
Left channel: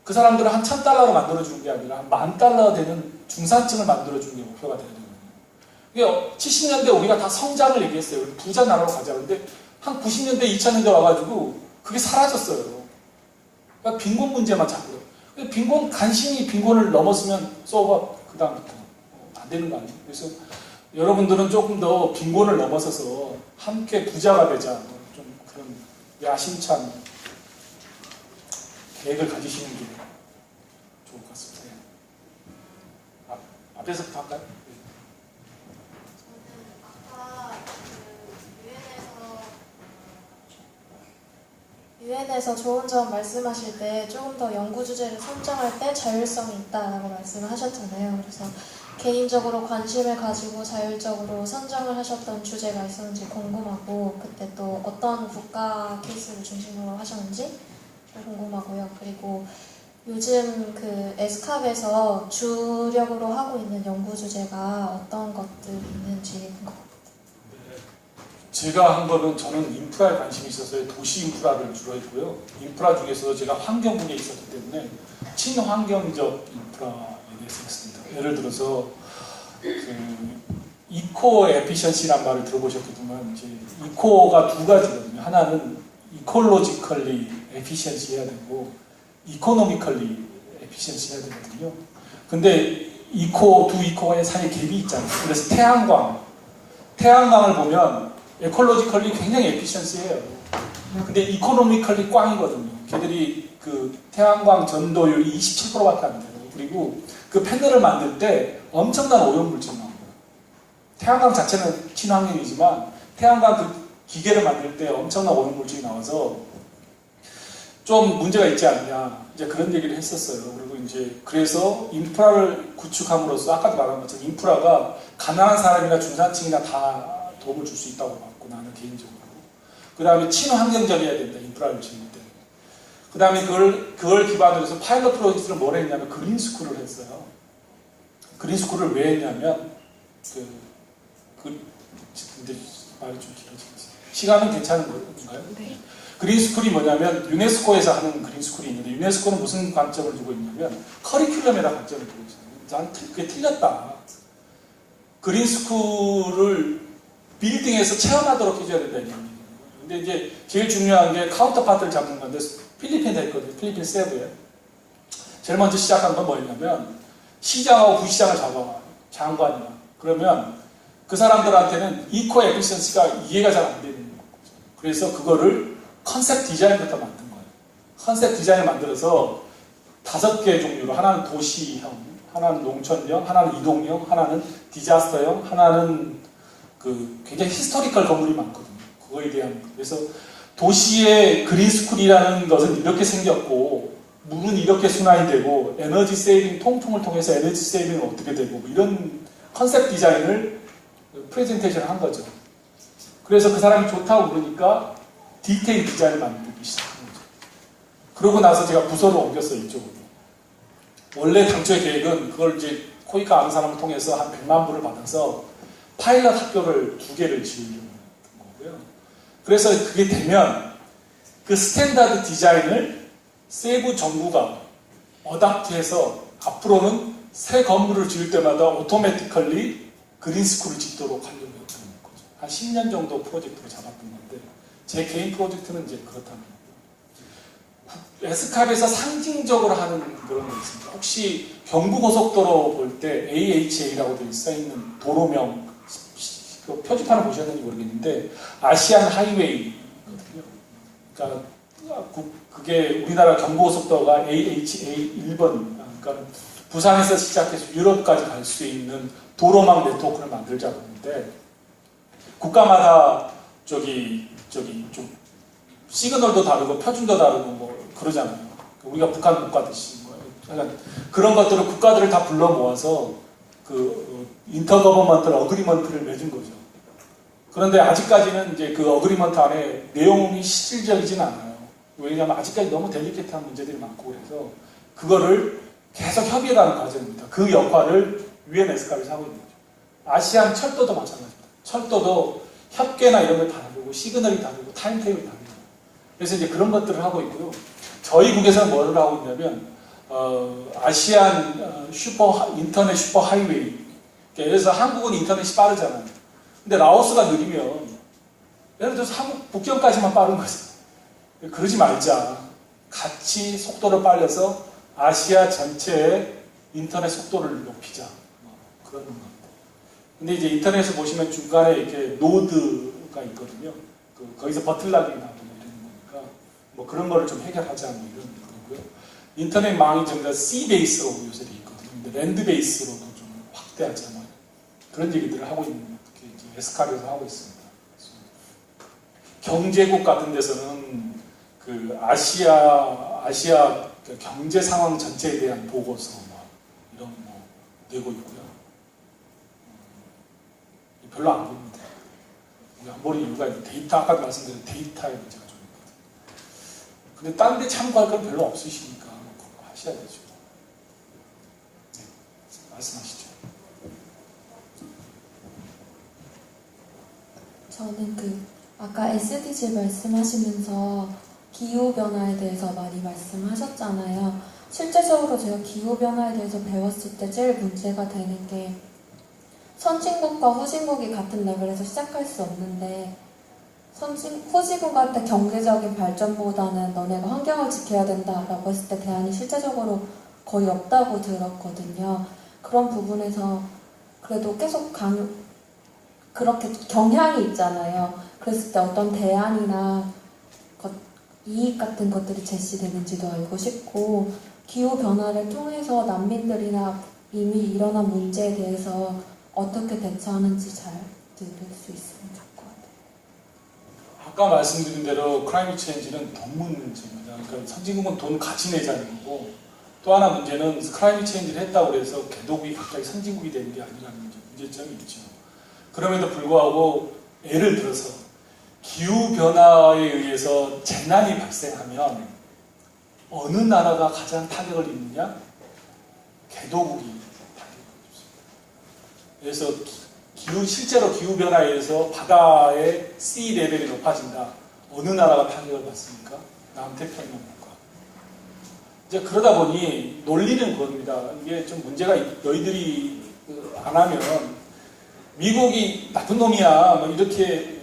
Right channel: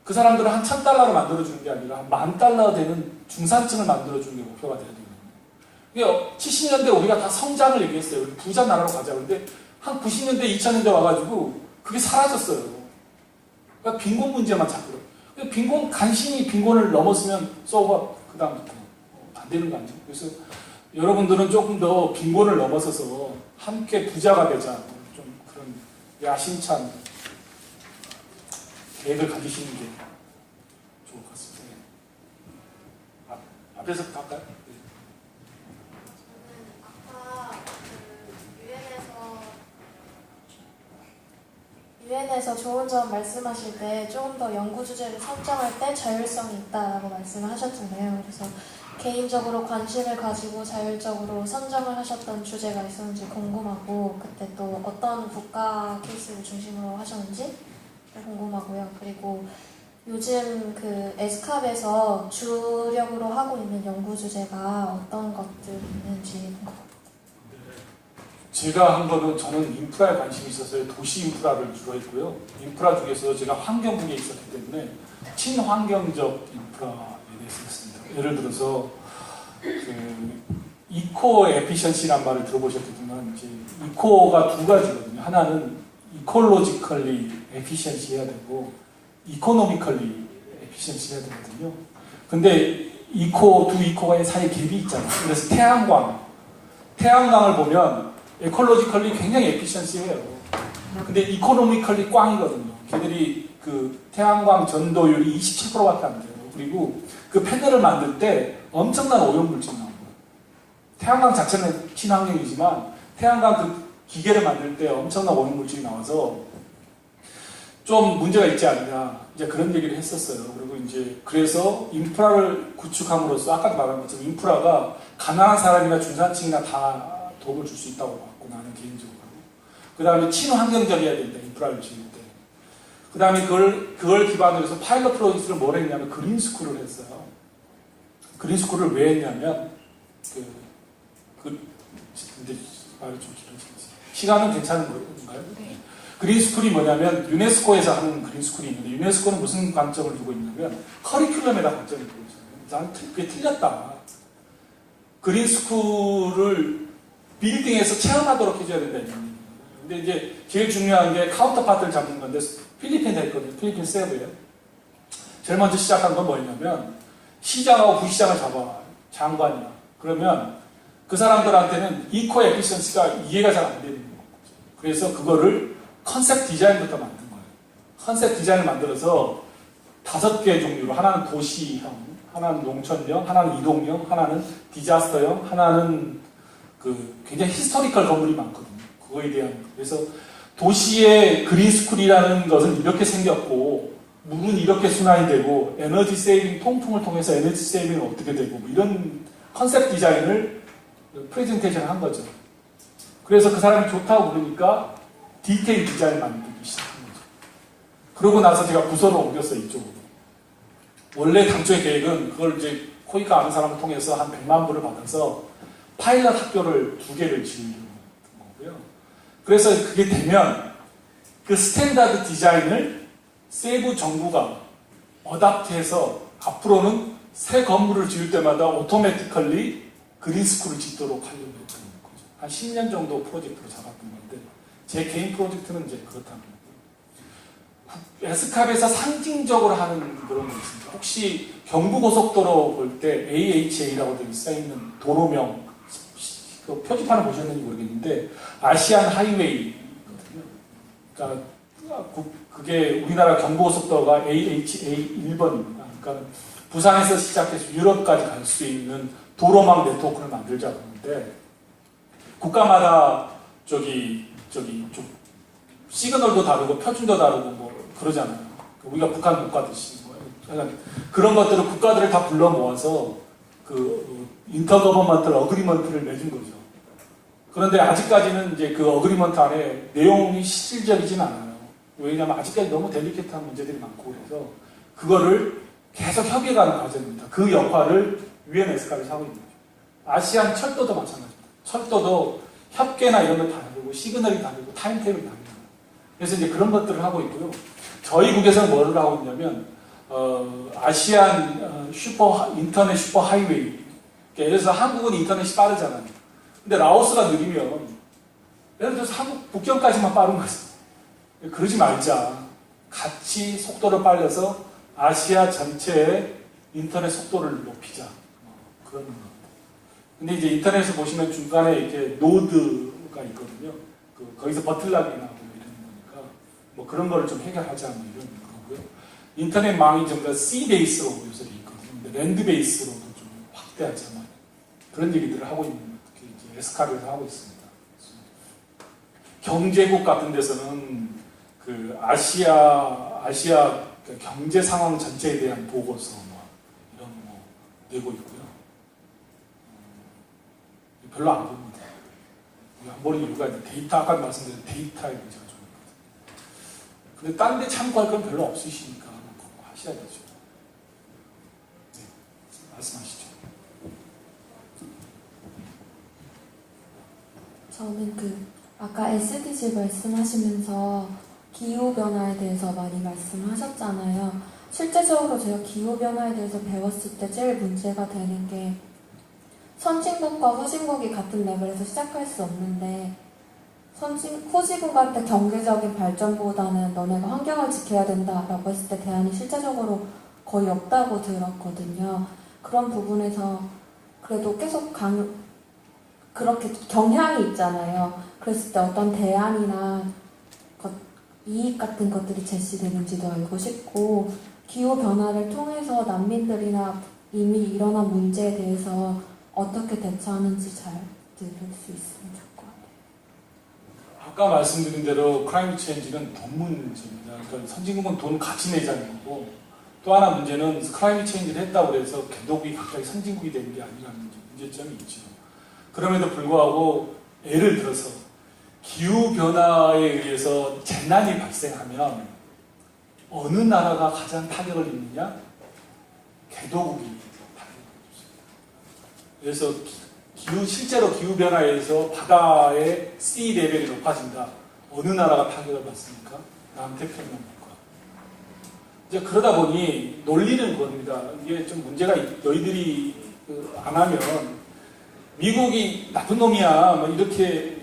그 사람들을 한 1,000달러로 만들어주는 게 아니라 한 10,000달러 되는 중산층을 만들어주는 게 목표가 되는 거예요. 그러니까 70년대 우리가 다 성장을 얘기했어요. 우리 부자 나라로 가자. 근데 한 90년대, 2000년대 와가지고 그게 사라졌어요. 그러니까 빈곤 문제만 자꾸. 빈곤, 간신히 빈곤을 넘었으면 쏘고 그 다음부터 안 되는 거 아니에요? 그래서 여러분들은 조금 더 빈곤을 넘어서서 함께 부자가 되자. 좀 그런 야심찬 계획을 가지시는 게 좋을 것 같습니다. 앞에서부터 할까요? 아까 유엔에서 좋은 점 말씀하실 때 조금 더 연구 주제를 선정할 때 자율성이 있다라고 말씀을 하셨잖아요. 그래서 개인적으로 관심을 가지고 자율적으로 선정을 하셨던 주제가 있었는지 궁금하고 그때 또 어떤 국가 케이스를 중심으로 하셨는지 궁금하고요. 그리고 요즘 그 에스캅에서 주력으로 하고 있는 연구 주제가 어떤 것들이 있는지 제가 한 거는 저는 인프라에 관심이 있어서 도시 인프라를 주로 했고요. 인프라 중에서 제가 환경 분야에 있었기 때문에 친환경적 인프라에 대해서 했습니다. 예를 들어서 그 이코 에피션시란 말을 들어보셨겠지만 이제 이코가 두 가지거든요. 하나는 이콜로지컬리 에피션시 해야 되고 이코노미컬리 에피션시 해야 되거든요. 근데 두 이코의 사이에 갭이 있잖아요. 그래서 태양광을 보면 에콜로지컬리 굉장히 에피션시해요. 근데 이코노미컬리 꽝이거든요. 걔들이 그 태양광 전도율이 27%밖에 안 돼요. 그리고 그 패널을 만들 때 엄청난 오염물질 나오고 태양광 자체는 친환경이지만 태양광 그 기계를 만들 때 엄청난 오염물질이 나와서 좀 문제가 있지 않냐 이제 그런 얘기를 했었어요. 그리고 이제 그래서 인프라를 구축함으로써 아까도 말한 것처럼 인프라가 가난한 사람이나 중산층이나 다 도움을 줄 수 있다고 봤고 나는 개인적으로. 그 다음에 친환경적이어야 된다 인프라를 지을 때. 그 다음에 그걸 기반으로 해서 파일럿 프로젝트를 뭘 했냐면 그린스쿨을 했어요. 그린스쿨을 왜 했냐면 근데 말이 좀 길어지겠어요. 시간은 괜찮은 건가요? 네. 그린스쿨이 뭐냐면 유네스코에서 하는 그린스쿨이 있는데 유네스코는 무슨 관점을 두고 있냐면 커리큘럼에다 관점을 두고 있어요. 나는 그게 틀렸다. 그린스쿨을 빌딩에서 체험하도록 해줘야 된다. 근데 이제 제일 중요한 게 카운터파트를 잡는 건데 필리핀에 했거든요. 필리핀 세부에. 제일 먼저 시작한 건 뭐였냐면 시장하고 부시장을 잡아. 장관이야. 그러면 그 사람들한테는 이코 에피션시가 이해가 잘 안 되는 거죠. 그래서 그거를 컨셉 디자인부터 만든 거예요. 컨셉 디자인을 만들어서 5개 종류로 하나는 도시형, 하나는 농촌형, 하나는 이동형, 하나는 디자스터형, 하나는 그 굉장히 히스토리컬 건물이 많거든요. 그거에 대한 그래서 도시의 그린스쿨이라는 것은 이렇게 생겼고 물은 이렇게 순환이 되고 에너지 세이빙 통풍을 통해서 에너지 세이빙은 어떻게 되고 뭐 이런 컨셉 디자인을 프레젠테이션을 한 거죠. 그래서 그 사람이 좋다고 그러니까 디테일 디자인을 만들기 시작한 거죠. 그러고 나서 제가 부서를 옮겼어요, 이쪽으로. 원래 당초의 계획은 그걸 이제 코이카 아는 사람을 통해서 한 100만 불을 받아서 파일럿 학교를 2개를 지으려고 했던 거고요. 그래서 그게 되면 그 스탠다드 디자인을 세부 정부가 어답트해서 앞으로는 새 건물을 지을 때마다 오토매티컬리 그린스쿨을 짓도록 하려고 했던 거죠. 한 10년 정도 프로젝트를 잡았던 건데 제 개인 프로젝트는 이제 그렇다는 거고 에스캅에서 상징적으로 하는 그런 게 있습니다. 혹시 경부고속도로 볼 때 AHA라고 써있는 도로명 그 표지판을 보셨는지 모르겠는데 아시안 하이웨이거든요. 그러니까 그게 우리나라 경부고속도로가 AHA 1번 그러니까 부산에서 시작해서 유럽까지 갈 수 있는 도로망 네트워크를 만들자고 하는데 국가마다 좀 시그널도 다르고 표준도 다르고 뭐 그러잖아요. 우리가 북한 못 가듯이 그러니까 그런 것들을 국가들을 다 불러 모아서 그 인터거버먼트 어그리먼트를 맺은 거죠. 그런데 아직까지는 이제 그 어그리먼트 안에 내용이 실질적이진 않아요. 왜냐하면 아직까지 너무 델리케이트한 문제들이 많고 그래서 그거를 계속 협의해가는 과정입니다. 그 역할을 UN 에스캅에서 하고 있는 거죠. 아시안 철도도 마찬가지입니다. 철도도 협계나 이런 걸 다르고 시그널이 다르고 타임테이블이 다르고 그래서 이제 그런 것들을 하고 있고요. 저희 국에서는 뭐를 하고 있냐면 아시안 인터넷 슈퍼 하이웨이 예를 들어서 한국은 인터넷이 빠르잖아요. 근데 라오스가 느리면 예를 들어서 한국 북경까지만 빠른 거죠. 그러지 말자. 같이 속도를 빨려서 아시아 전체의 인터넷 속도를 높이자. 그런 겁니다. 근데 이제 인터넷을 보시면 중간에 이렇게 노드가 있거든요. 거기서 버틀락이 나고 이런 거니까 뭐 그런 거를 좀 해결하자 뭐 이런 거고요. 인터넷 망이 전부 다 C 베이스로 구해서 돼 있거든요. 근데 랜드 베이스로도 좀 확대하자 뭐 그런 얘기들을 하고 있는 게 이제 에스캅에서 하고 있습니다. 경제국 같은 데서는 그 아시아 그 경제 상황 전체에 대한 보고서 뭐 이런 거 내고 있고요. 별로 안 봅니다. 안 보는 이유가 데이터 아까 말씀드린 데이터의 문제가 좀 있거든요. 근데 딴 데 참고할 건 별로 없으시니까 하셔야 되죠. 네, 말씀하시죠. 저는 아까 SDG 말씀하시면서 기후변화에 대해서 많이 말씀하셨잖아요. 실제적으로 제가 기후변화에 대해서 배웠을 때 제일 문제가 되는 게 선진국과 후진국이 같은 레벨에서 시작할 수 없는데 후진국한테 경제적인 발전보다는 너네가 환경을 지켜야 된다라고 했을 때 대안이 실제적으로 거의 없다고 들었거든요. 그런 부분에서 그래도 계속 그렇게 경향이 있잖아요. 그랬을 때 어떤 대안이나 이익 같은 것들이 제시되는지도 알고 싶고 기후변화를 통해서 난민들이나 이미 일어난 문제에 대해서 어떻게 대처하는지 잘 들을 수 있으면 좋을 것 같아요. 아까 말씀드린 대로 클라이밋 체인지는 돈 문제입니다. 그러니까 선진국은 돈 같이 내자는 거고 또 하나 문제는 클라이밋 체인지를 했다고 해서 개독이 갑자기 선진국이 되는 게 아니라는 문제점이 있죠. 그럼에도 불구하고 예를 들어서 기후변화에 의해서 재난이 발생하면 어느 나라가 가장 타격을 입느냐? 개도국이 타격을 입습니다. 그래서 실제로 기후변화에서 바다의 sea 레벨이 높아진다. 어느 나라가 타격을 받습니까? 남태평양 국가. 이제 그러다 보니 논리는 그겁니다. 이게 좀 문제가 너희들이 안 하면 미국이 나쁜 놈이야. 뭐 이렇게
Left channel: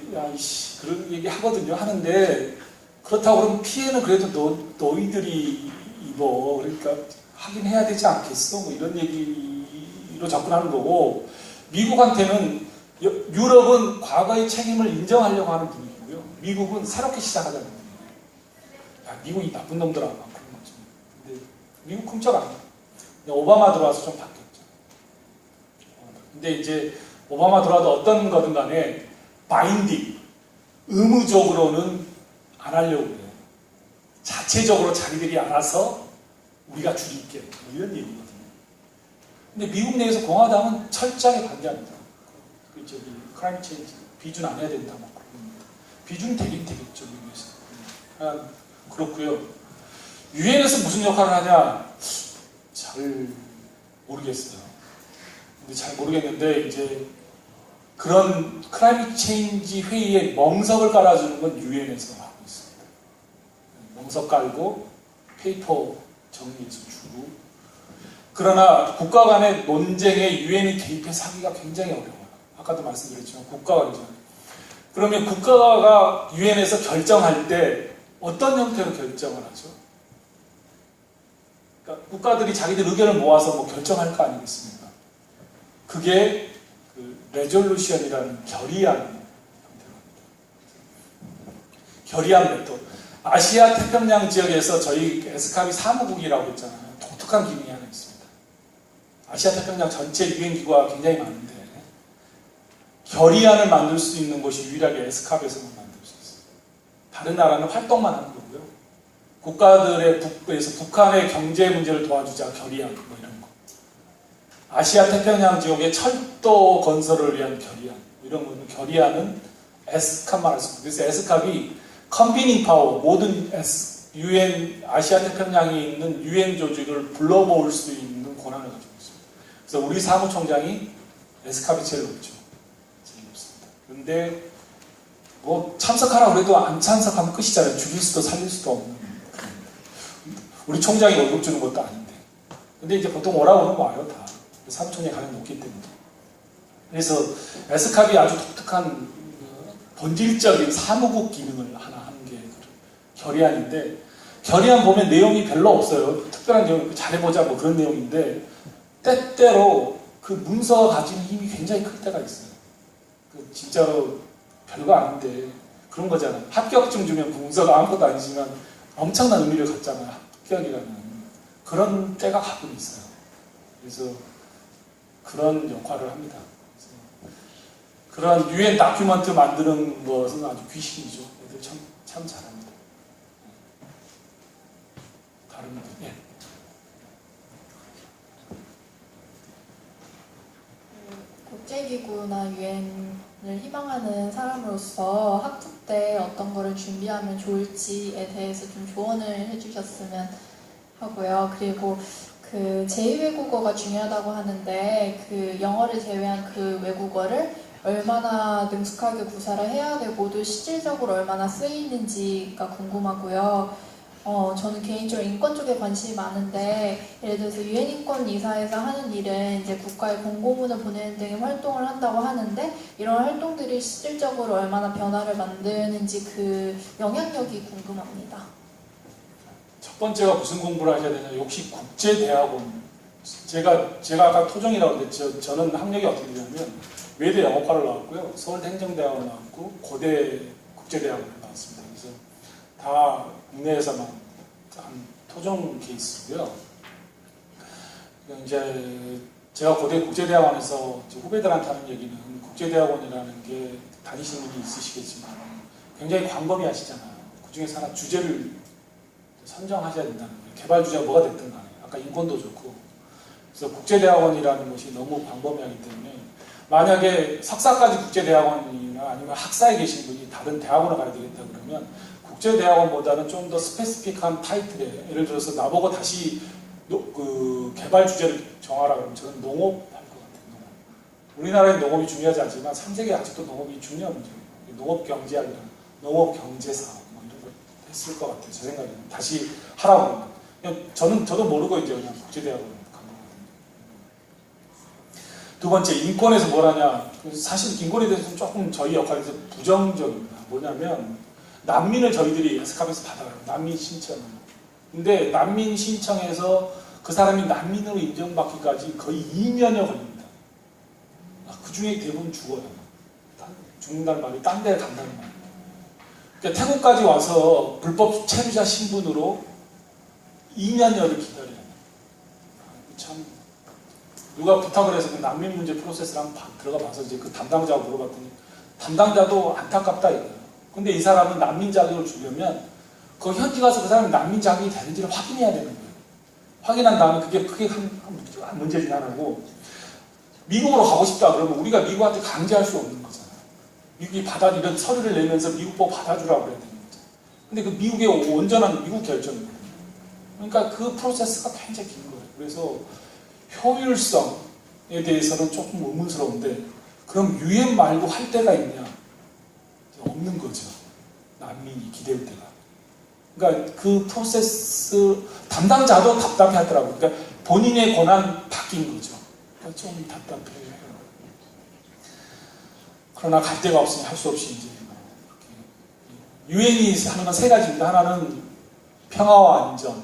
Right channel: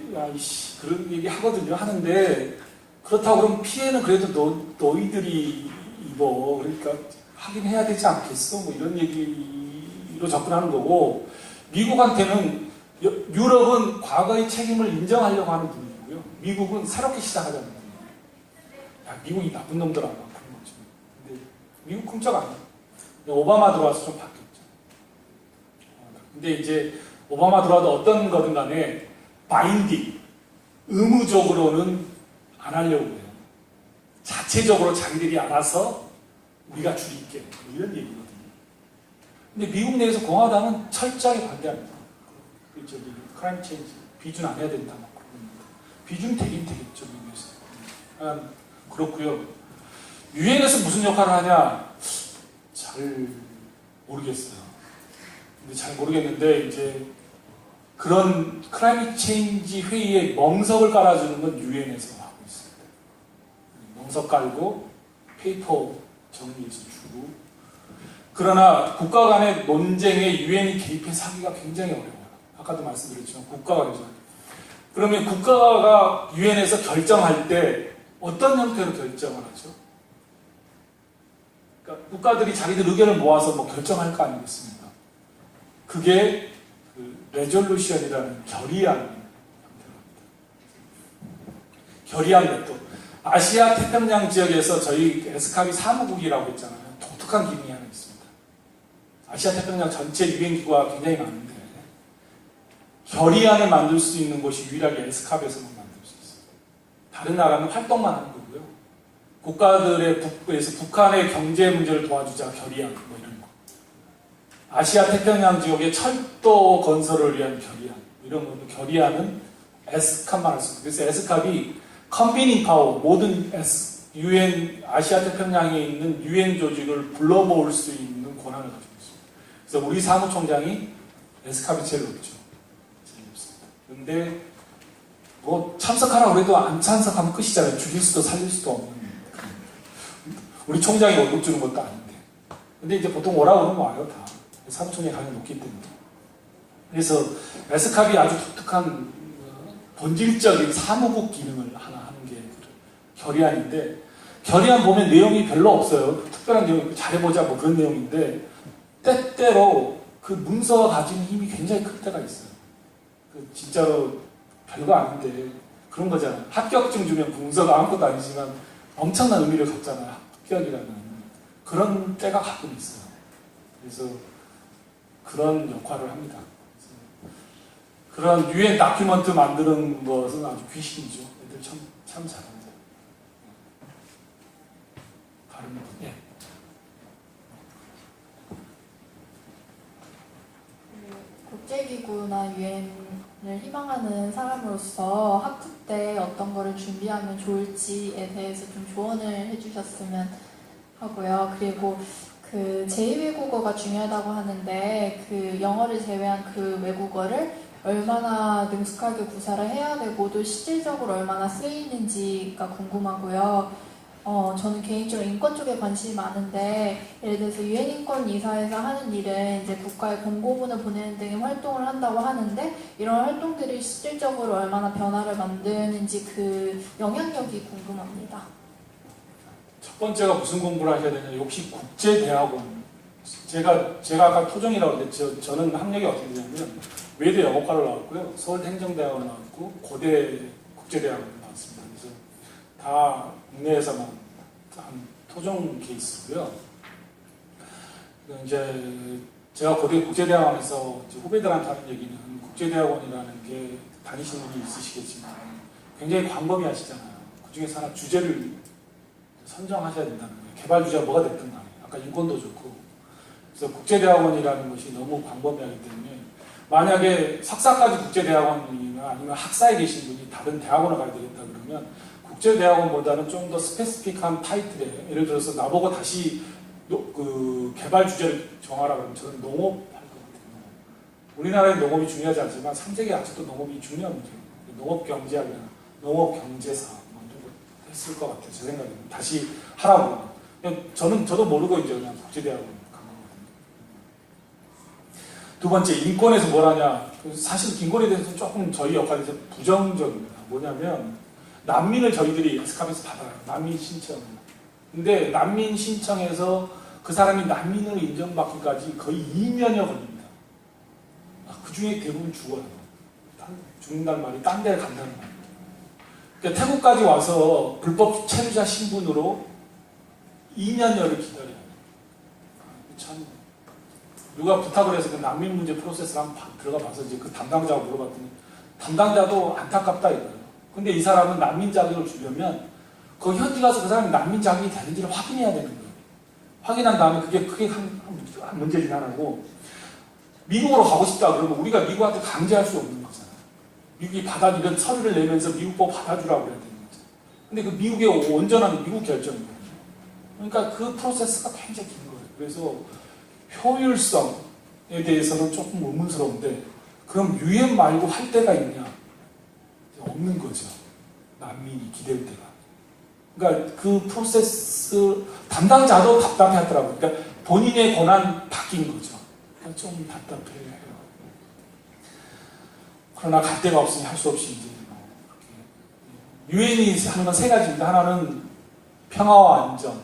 그런 얘기 하거든요. 하는데 그렇다고 그러면 피해는 그래도 너희들이 입어. 그러니까 하긴 해야 되지 않겠어. 뭐 이런 얘기로 접근하는 거고 미국한테는 유럽은 과거의 책임을 인정하려고 하는 분위기고요. 미국은 새롭게 시작하자는 분위기예요. 미국이 나쁜 놈들 아마 그런 거죠. 근데 미국 훔쳐가 안 해요. 오바마 들어와서 좀 바뀌었죠. 근데 이제 오바마 들어와도 어떤 거든 간에 바인딩, 의무적으로는 안 하려고 해요. 자체적으로 자기들이 알아서 우리가 줄일게. 이런 얘기거든요. 근데 미국 내에서 공화당은 철저하게 반대합니다. 클라이밋 체인지 비준 안 해야 된다. 막 그럽니다. 비준은 되긴 되겠죠, 미국에서. 그렇고요. 유엔에서 무슨 역할을 하냐? 잘 모르겠어요. 근데 잘 모르겠는데 이제 그런 클라이밋 체인지 회의에 멍석을 깔아주는 건 유엔에서 하고 있습니다. 멍석 깔고 페이퍼 정리해서 주고. 그러나 국가 간의 논쟁에 유엔이 개입해서 하기가 굉장히 어려워요. 아까도 말씀드렸지만 국가가 그러잖아요. 그러면 국가가 유엔에서 결정할 때 어떤 형태로 결정을 하죠? 그러니까 국가들이 자기들 의견을 모아서 뭐 결정할 거 아니겠습니까? 그게 레졸루션이라는 결의안 메토드. 아시아 태평양 지역에서 저희 에스캅이 사무국이라고 했잖아요. 독특한 기능이 하나 있습니다. 아시아 태평양 전체 유엔 기구가 굉장히 많은데 결의안을 만들 수 있는 곳이 유일하게 에스캅에서만 만들 수 있어요. 다른 나라는 활동만 하는 거고요. 국가들의 북부에서 북한의 경제 문제를 도와주자 결의안 뭐 이런 거. 아시아 태평양 지역의 철도 건설을 위한 결의안 이런 거는 결의안은 에스캅만 할 수 있어요. 그래서 에스캅이 컨비닝 파워 모든 UN 아시아 태평양에 있는 UN 조직을 불러 모을 수 있는 권한을 가지고 있습니다. 그래서 우리 사무총장이 에스캅이 제일 높죠. 제일 높습니다. 그런데 뭐 참석하라고 해도 안 참석하면 끝이잖아요. 죽일 수도 살릴 수도 없는. 우리 총장이 월급 주는 것도 아닌데. 근데 이제 보통 오라고 하면 와요 다. 사무총장이 가장 높기 때문에. 그래서 에스캅이 아주 독특한 본질적인 사무국 기능을 하나 하는 게 결의안인데 결의안 보면 내용이 별로 없어요. 특별한 내용이 잘해보자 뭐 그런 내용인데 때때로 그 문서가 가진 힘이 굉장히 클 때가 있어요. 진짜로 별거 아닌데 그런 거잖아요. 합격증 주면 문서가 아무것도 아니지만 엄청난 의미를 갖잖아요. 합격이라는 그런 때가 가끔 있어요. 그래서 그런 역할을 합니다. 그런 유엔 다큐멘트 만드는 것은 아주 귀신이죠. 애들 참 잘합니다. 다른 분, 예. 국제기구나 유엔을 희망하는 사람으로서 학부 때 어떤 거를 준비하면 좋을지에 대해서 좀 조언을 해주셨으면 하고요. 그리고 그 제2외국어가 중요하다고 하는데 그 영어를 제외한 그 외국어를 얼마나 능숙하게 구사를 해야 되고 또 실질적으로 얼마나 쓰이는지가 궁금하고요. 저는 개인적으로 인권 쪽에 관심이 많은데 예를 들어서 유엔 인권 이사에서 하는 일은 이제 국가에 공고문을 보내는 등의 활동을 한다고 하는데 이런 활동들이 실질적으로 얼마나 변화를 만드는지 그 영향력이 궁금합니다. 첫 번째가 무슨 공부를 하셔야 되냐? 역시 국제대학원. 제가 아까 토종이라고 했는데 저는 학력이 어떻게 되냐면 외대 영어과를 나왔고요. 서울대 행정대학원 나왔고 고대 국제대학원 나왔습니다. 그래서 다 국내에서만 한 토종 케이스고요. 이제 제가 고대 국제대학원에서 이제 후배들한테 하는 얘기는 국제대학원이라는 게 다니시는 분이 있으시겠지만 굉장히 광범위하시잖아요. 그 중에서 하나 주제를 선정하셔야 된다는 거예요. 개발 주제가 뭐가 됐든 간에 아까 인권도 좋고 그래서 국제대학원이라는 것이 너무 광범위하기 때문에 만약에 석사까지 국제대학원이나 아니면 학사에 계신 분이 다른 대학원을 가야 되겠다 그러면 국제대학원보다는 좀 더 스페시픽한 타이틀에 예를 들어서 나보고 다시 그 개발 주제를 정하라 그러면 저는 농업 할 것 같아요. 우리나라에 농업이 중요하지 않지만 3세계 아직도 농업이 중요한 문제예요. 농업 경제학이나 농업 경제사 이런 거 했을 것 같아요. 제 생각에는 다시 하라고 그러면 저도 모르고 이제 그냥 국제대학원 간 거거든요. 두 번째 인권에서 뭘 하냐? 사실 인권에 대해서 조금 저희 역할에서 부정적입니다. 뭐냐면 난민을 저희들이 에스캅에서 받아요. 난민 신청. 근데 난민 신청해서 그 사람이 난민으로 인정받기까지 거의 2년여 걸립니다. 그 중에 대부분 죽어요. 죽는다는 말이 딴 데 간다는 말이에요. 그러니까 태국까지 와서 불법 체류자 신분으로 2년여를 기다려요. 참 누가 부탁을 해서 그 난민 문제 프로세스를 한번 들어가 봐서 이제 그 담당자하고 물어봤더니 담당자도 안타깝다 이거예요. 근데 이 사람은 난민 자격을 주려면 그 현지 가서 그 사람이 난민 자격이 되는지를 확인해야 되는 거예요. 확인한 다음에 그게 크게 한 문제 중 하나고 미국으로 가고 싶다 그러면 우리가 미국한테 강제할 수 없는 거잖아요. 미국이 이런 서류를 내면서 미국 법 받아주라고 그래야 되는 거죠. 근데 그 미국의 온전한 미국 결정이거든요. 그러니까 그 프로세스가 굉장히 긴 거예요. 그래서 효율성에 대해서는 조금 의문스러운데 그럼 유엔 말고 할 데가 있냐? 없는 거죠. 난민이 기댈 때가. 그러니까 그 프로세스 담당자도 답답해 하더라고요. 그러니까 본인의 권한 바뀐 거죠. 그러니까 좀 답답해요. 그러나 갈 데가 없으면 할 수 없이 이제 유엔이 하는 건 세 가지입니다. 하나는 평화와 안전,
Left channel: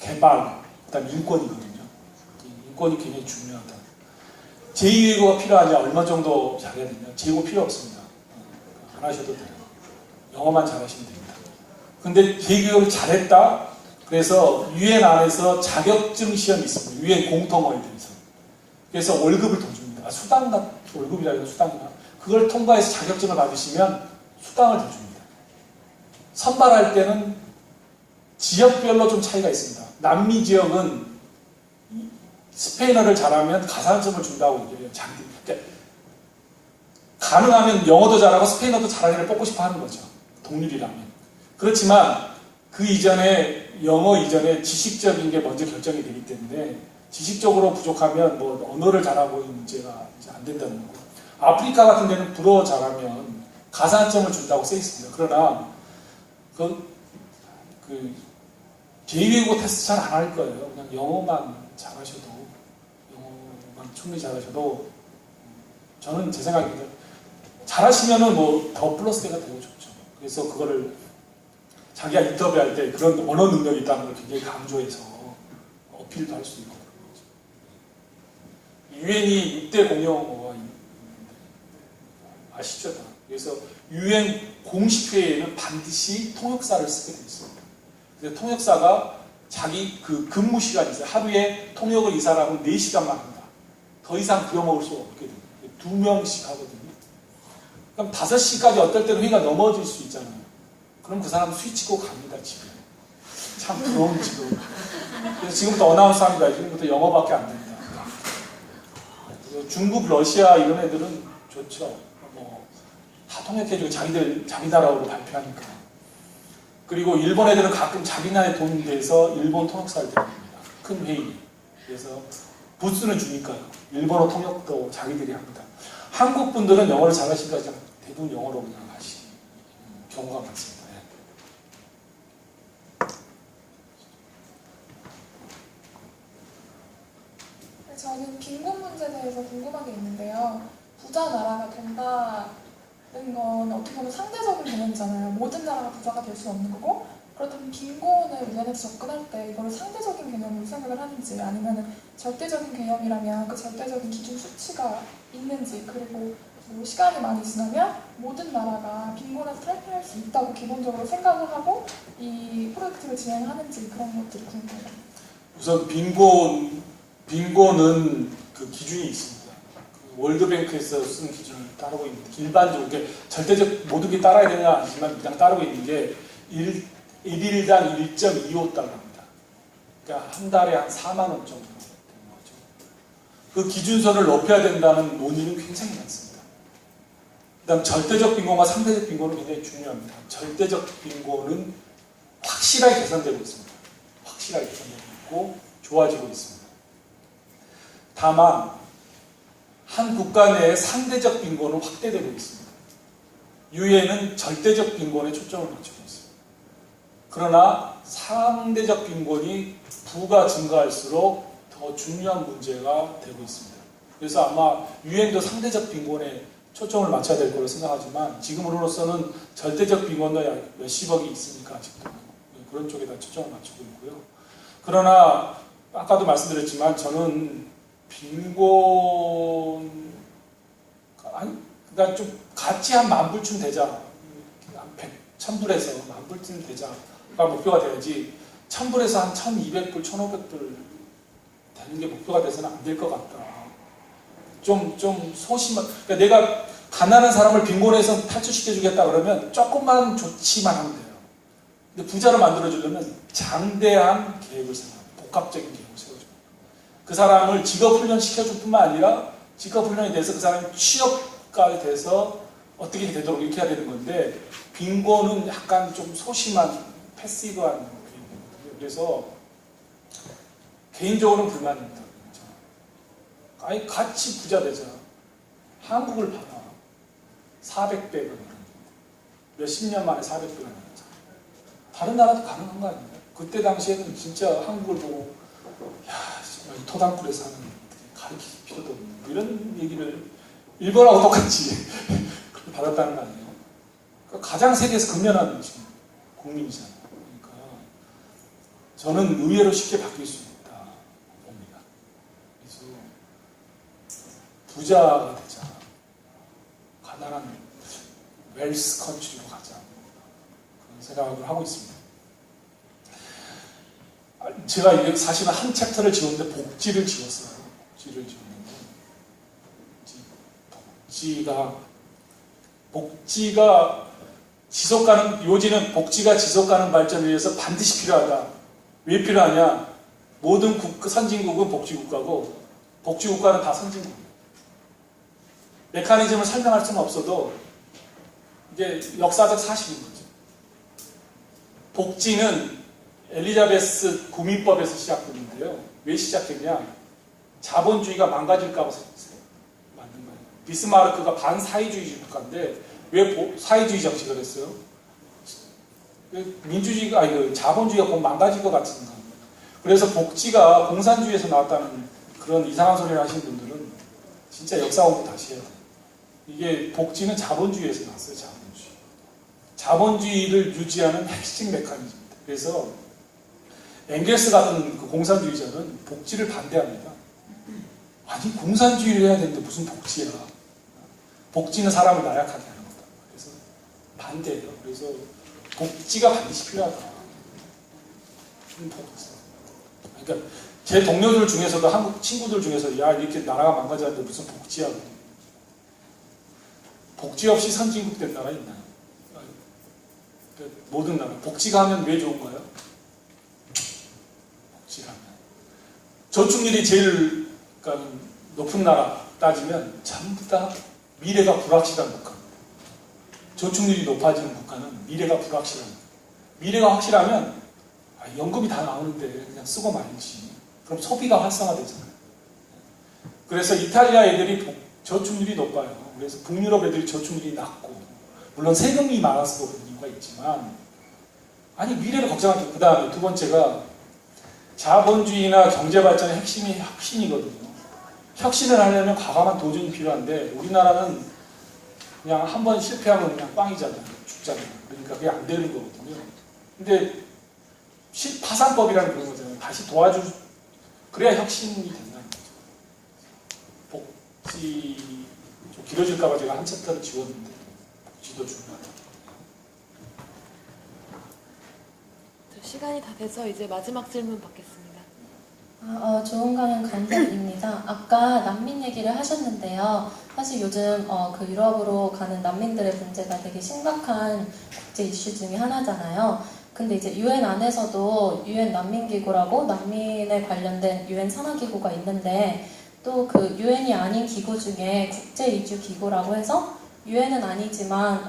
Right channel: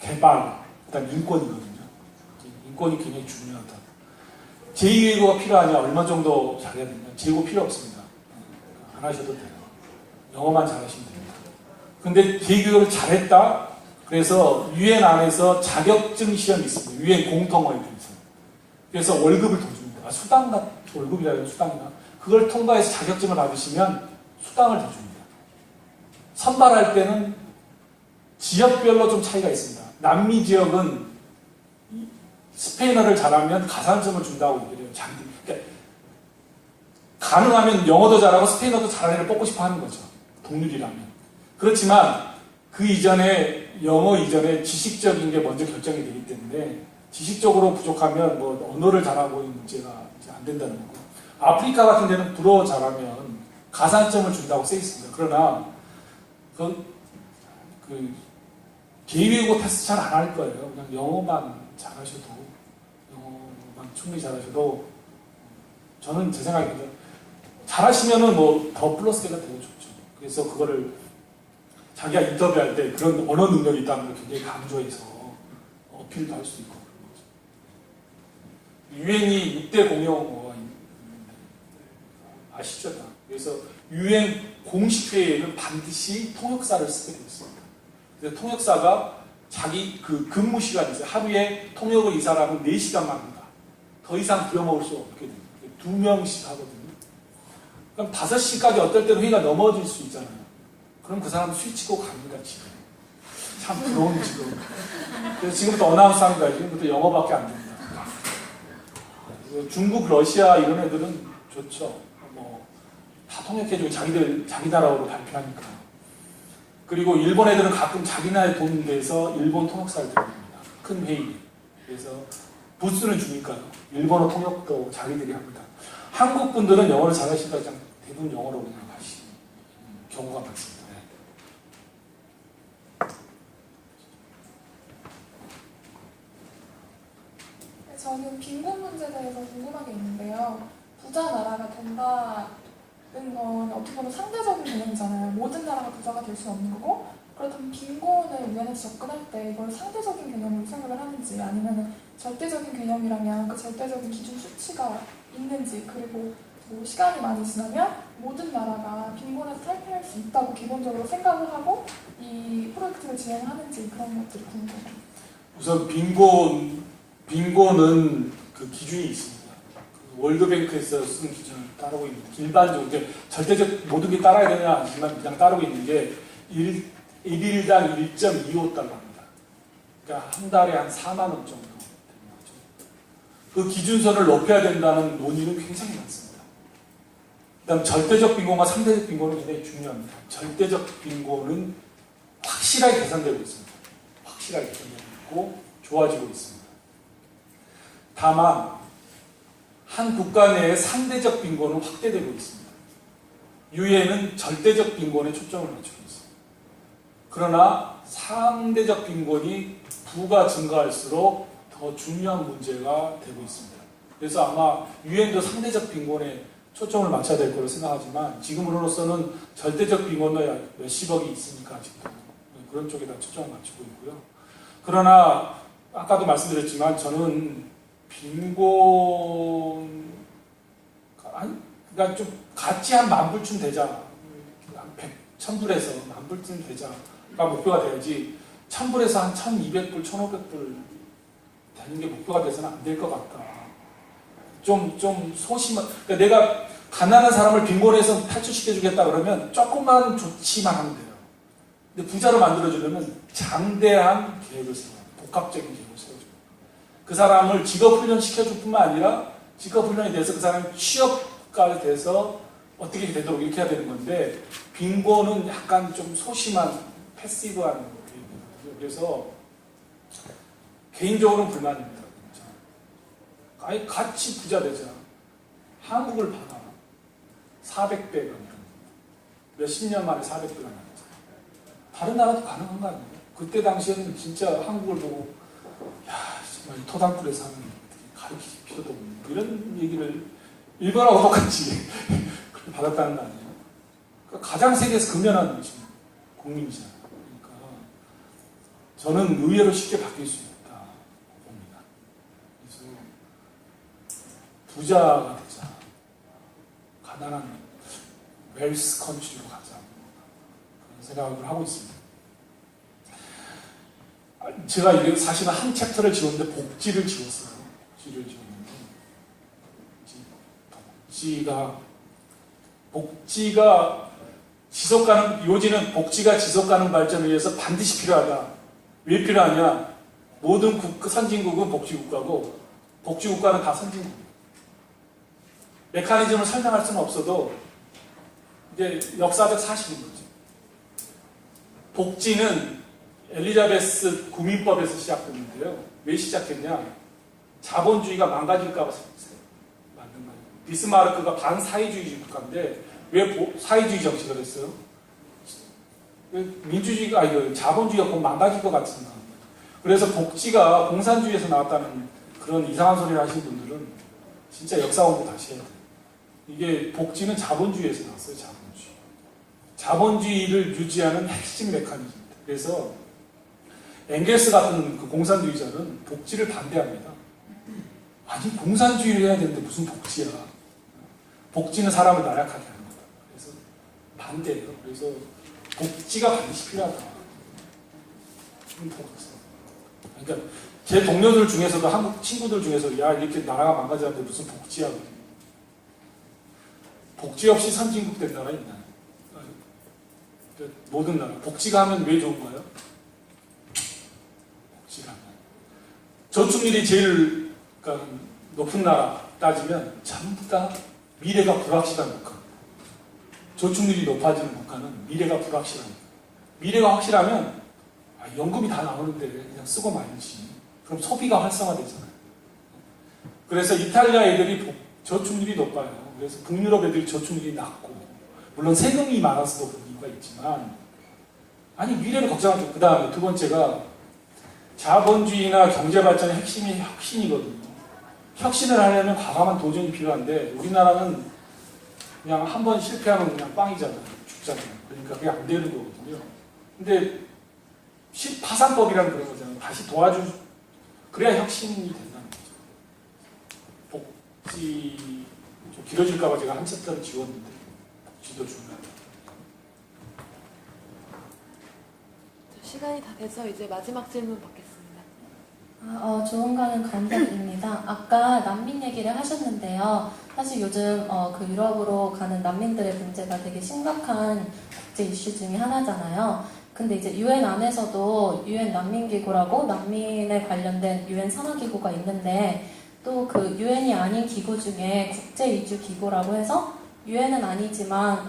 개발, 그다음 인권이거든요. 인권이 굉장히 중요하다. 제2외국어가 필요하냐? 얼마 정도 잘해야 되냐? 제2외국어 필요 없습니다. 안 하셔도 돼요. 영어만 잘하시면 됩니다. 근데 제2외국어를 잘했다? 그래서 유엔 안에서 자격증 시험이 있습니다. 유엔 공통어에 대해서. 그래서 월급을 더 줍니다. 수당가 월급이라 해요. 수당이나. 그걸 통과해서 자격증을 받으시면 수당을 더 줍니다. 선발할 때는 지역별로 좀 차이가 있습니다. 남미 지역은 스페인어를 잘하면 가산점을 준다고 얘기해요. 그러니까 가능하면 영어도 잘하고 스페인어도 잘하는 애를 뽑고 싶어 하는 거죠. 동률이라면. 그렇지만 그 이전에 영어 이전에 지식적인 게 먼저 결정이 되기 때문에 지식적으로 부족하면 뭐 언어를 잘하고 있는 문제가 이제 안 된다는 거고. 아프리카 같은 데는 불어 잘하면 가산점을 준다고 써 있습니다. 그러나 제2외국어 테스트 잘 안 할 거예요. 그냥 영어만 잘하셔도 영어만 충분히 잘하셔도 저는 제 생각입니다. 잘하시면은 뭐 더 플러스가 되고 좋죠. 그래서 그거를 자기가 인터뷰할 때 그런 언어 능력이 있다는 걸 굉장히 강조해서 어필도 할 수 있고 그런 거죠. 유엔이 6대 공용어가 있는데 아시죠? 그래서 유엔 공식회의에는 반드시 통역사를 쓰게 돼 있어요. 그래서 통역사가 자기 그 근무 시간이 있어요. 하루에 통역을 이 사람은 4시간만 한다. 더 이상 부려먹을 수 없게 됩니다. 2명씩 하거든요. 그럼 5시까지 어떨 때는 회의가 넘어질 수 있잖아요. 그럼 그 사람 스위치고 갑니다, 집에. 참 부러운 직업. 그래서 지금부터 어나운스 합니다. 지금부터 영어밖에 안 됩니다. 중국, 러시아 이런 애들은 좋죠. 다 통역해주고 자기 나라로 발표하니까. 그리고 일본 애들은 가끔 자기 나라에 돈 내서 일본 통역사를 들어옵니다. 큰 회의. 그래서 부스는 주니까 일본어 통역도 자기들이 합니다. 한국 분들은 영어를 잘하시니까 그냥 대부분 영어로 그냥 하시는 경우가 많습니다. 저는 빈곤 문제에 대해서 궁금한 게 있는데요. 부자 나라가 된다는 건 어떻게 보면 상대적인 개념이잖아요. 모든 나라가 부자가 될 수 없는 거고, 그렇다면 빈곤을 유엔에서 접근할 때 이걸 상대적인 개념으로 생각을 하는지, 아니면 절대적인 개념이라면 그 절대적인 기준 수치가 있는지, 그리고 뭐 시간이 많이 지나면 모든 나라가 빈곤에서 탈피할 수 있다고 기본적으로 생각을 하고 이 프로젝트를 진행하는지, 그런 것들이 궁금해요. 우선 빈곤은 그 기준이 있습니다. 그 월드뱅크에서 쓴 기준을 따르고 있는데, 일반적으로 이제 절대적 모든 게 따라야 되냐 아니지만 그냥 따르고 있는 게 1일당 1.25달러입니다. 그러니까 한 달에 한 4만 원 정도 되는 거죠. 그 기준선을 높여야 된다는 논의는 굉장히 많습니다. 그다음 절대적 빈곤과 상대적 빈곤은 굉장히 중요합니다. 절대적 빈곤은 확실하게 개선되고 있습니다. 확실하게 개선되고 있고 좋아지고 있습니다. 다만 한 국가 내의 상대적 빈곤은 확대되고 있습니다. 유엔은 절대적 빈곤에 초점을 맞추고 있습니다. 그러나 상대적 빈곤이 부가 증가할수록 더 중요한 문제가 되고 있습니다. 그래서 아마 유엔도 상대적 빈곤에 초점을 맞춰야 될 거라고 생각하지만, 지금으로서는 절대적 빈곤도 몇십억이 있으니까 아직도 그런 쪽에다 초점을 맞추고 있고요. 그러나 아까도 말씀드렸지만 저는 빈곤, 그러니까 좀 같이 한 10,000불쯤 되자, 한 1,000불에서 10,000불쯤 되자가 목표가 돼야지, 1,000불에서 한 1,200불, 1,500불 되는 게 목표가 돼서는 안 될 것 같다. 좀 소심한, 그러니까 내가 가난한 사람을 빈곤에서 탈출시켜주겠다 그러면 조금만 좋지만 하면 돼요. 근데 부자를 만들어주려면 장대한 계획을 세워요. 복합적인 계획을 세워줘요. 그 사람을 직업훈련 시켜줄 뿐만 아니라 직업훈련이 돼서 그 사람이 취업가 돼서 어떻게 되도록 이렇게 해야 되는 건데, 빈곤은 약간 좀 소심한 패시브한 계획이거든요. 그래서 개인적으로는 불만입니다. 아예 같이 부자 되자. 한국을 봐봐. 400배가 몇십 년 만에 400배가 나왔죠. 다른 나라도 가능한 거 아닙니까? 그때 당시에는 진짜 한국을 보고 야 정말 토단굴에 사는 가르칠 필요도 없는 이런 얘기를 일본하고 똑같이 받았다는 거 아니에요? 그러니까 가장 세계에서 근면한 지금 국민이잖아요. 그러니까 저는 의외로 쉽게 바뀔 수 있다 봅니다. 그래서 부자가 되자. 가난한 웰스 컨트리로 가자. 그런 생각을 하고 있습니다. 제가 이게 사실은 한 챕터를 지웠는데 복지를 지웠어요. 복지를 지웠는데 복지가 지속가능, 요지는 복지가 지속가능 발전을 위해서 반드시 필요하다. 왜 필요하냐? 모든 선진국은 복지국가고 복지국가는 다 선진국이에요. 메커니즘을 설명할 수는 없어도 이게 역사적 사실인 거죠. 복지는 엘리자베스 구민법에서 시작됐는데요. 왜 시작됐냐? 자본주의가 망가질까 봐 만든 거예요. 비스마르크가 반사회주의 국가인데 왜 사회주의 정책을 했어요? 민주주의가 아니 자본주의가 곧 망가질 것 같습니다. 그래서 복지가 공산주의에서 나왔다는 그런 이상한 소리를 하시는 분들은 진짜 역사 공부 다시 해야 돼요. 이게 복지는 자본주의에서 나왔어요. 자본주의. 자본주의를 유지하는 핵심 메커니즘입니다. 그래서 엥겔스 같은 그 공산주의자는 복지를 반대합니다. 아니 공산주의를 해야 되는데 무슨 복지야. 복지는 사람을 나약하게 하는 거다. 그래서 반대예요. 그래서 복지가 반드시 필요하다. 그러니까 제 동료들 중에서도 한국 친구들 중에서 야 이렇게 나라가 망가졌는데 무슨 복지야. 복지 없이 선진국 된 나라 있나요? 모든 나라. 복지가 하면 왜 좋은가요? 복지가 하면. 저축률이 제일 그러니까 높은 나라 따지면 전부 다 미래가 불확실한 국가. 저축률이 높아지는 국가는 미래가 불확실한 국가. 미래가 확실하면 연금이 다 나오는데 그냥 쓰고 말지. 그럼 소비가 활성화되잖아요. 그래서 이탈리아 애들이 저축률이 높아요. 그래서 북유럽 애들이 저축률이 낮고, 물론 세금이 많아서 그런 이유가 있지만, 아니 미래를 걱정하죠. 그 다음에 두 번째가 자본주의나 경제발전의 핵심이 혁신이거든요. 혁신을 하려면 과감한 도전이 필요한데 우리나라는 그냥 한 번 실패하면 그냥 빵이잖아요. 죽잖아요. 그러니까 그게 안 되는 거거든요. 근데 파산법이라는 그런 거잖아요. 다시 그래야 혁신이 된다는 거죠. 복지 좀 길어질까봐 제가 한 챕터를 지웠는데 복지도 중요하다. 시간이 다 돼서 이제 마지막 질문 받겠습니다. 좋은가는 감사드립니다. 아까 난민 얘기를 하셨는데요. 사실 요즘 그 유럽으로 가는 난민들의 문제가 되게 심각한 국제 이슈 중에 하나잖아요. 근데 이제 유엔 안에서도 유엔 난민기구라고 난민에 관련된 유엔 산하기구가 있는데 또 그 유엔이 아닌 기구 중에 국제이주기구라고 해서 유엔은 아니지만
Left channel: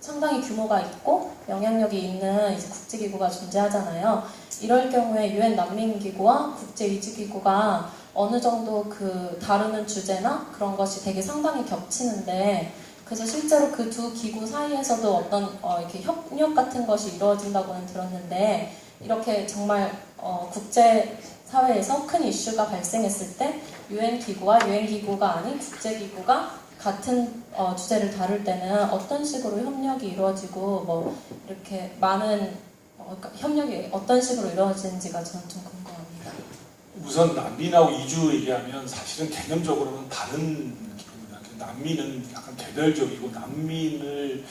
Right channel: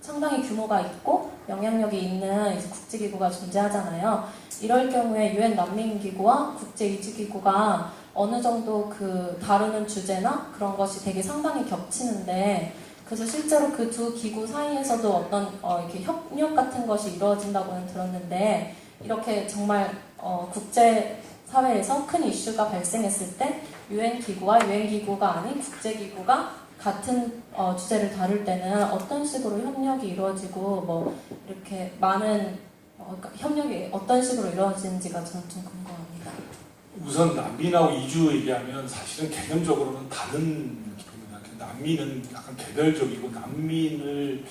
상당히 규모가 있고 영향력이 있는 이제 국제기구가 존재하잖아요. 이럴 경우에 유엔 난민기구와 국제이주기구가 어느 정도 그 다루는 주제나 그런 것이 되게 상당히 겹치는데 그래서 실제로 그 두 기구 사이에서도 어떤 이렇게 협력 같은 것이 이루어진다고는 들었는데 이렇게 정말 국제 사회에서 큰 이슈가 발생했을 때 유엔 기구와 유엔 기구가 아닌 국제 기구가 같은 주제를 다룰 때는 어떤 식으로 협력이 이루어지고 뭐 이렇게 많은 협력이 어떤 식으로 이루어지는지가 저는 좀 궁금합니다. 우선 난민하고 이주 얘기하면 사실은 개념적으로는 다른 느낌입니다. 난민은 약간 개별적이고 난민을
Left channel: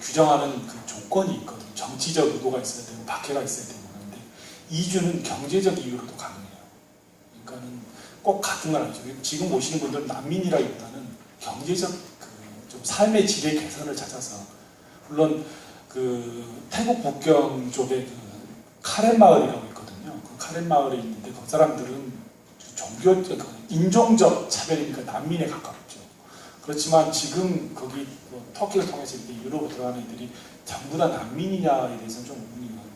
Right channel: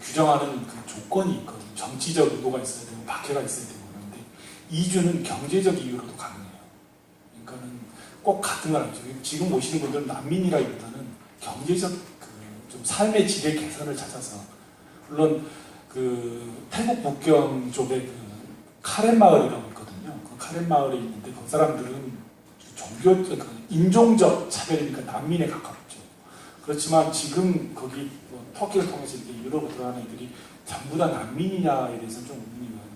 규정하는 그 조건이 있거든요. 정치적 의도가 있어야 되고 박해가 있어야 되고 그런데 이주는 경제적 이유로도 가능해요. 그러니까는 꼭 같은 건 아니죠. 지금 오시는 분들은 난민이라기보다는 경제적 좀 삶의 질의 개선을 찾아서 물론 태국 북경 쪽에 카렌 마을이라고 있거든요. 그 카렌 마을에 있는데 그 사람들은 인종적 차별이니까 난민에 가깝죠. 그렇지만 지금 거기 터키를 통해서 이렇게 유럽으로 들어가는 애들이 전부 다 난민이냐에 대해서 좀 의문이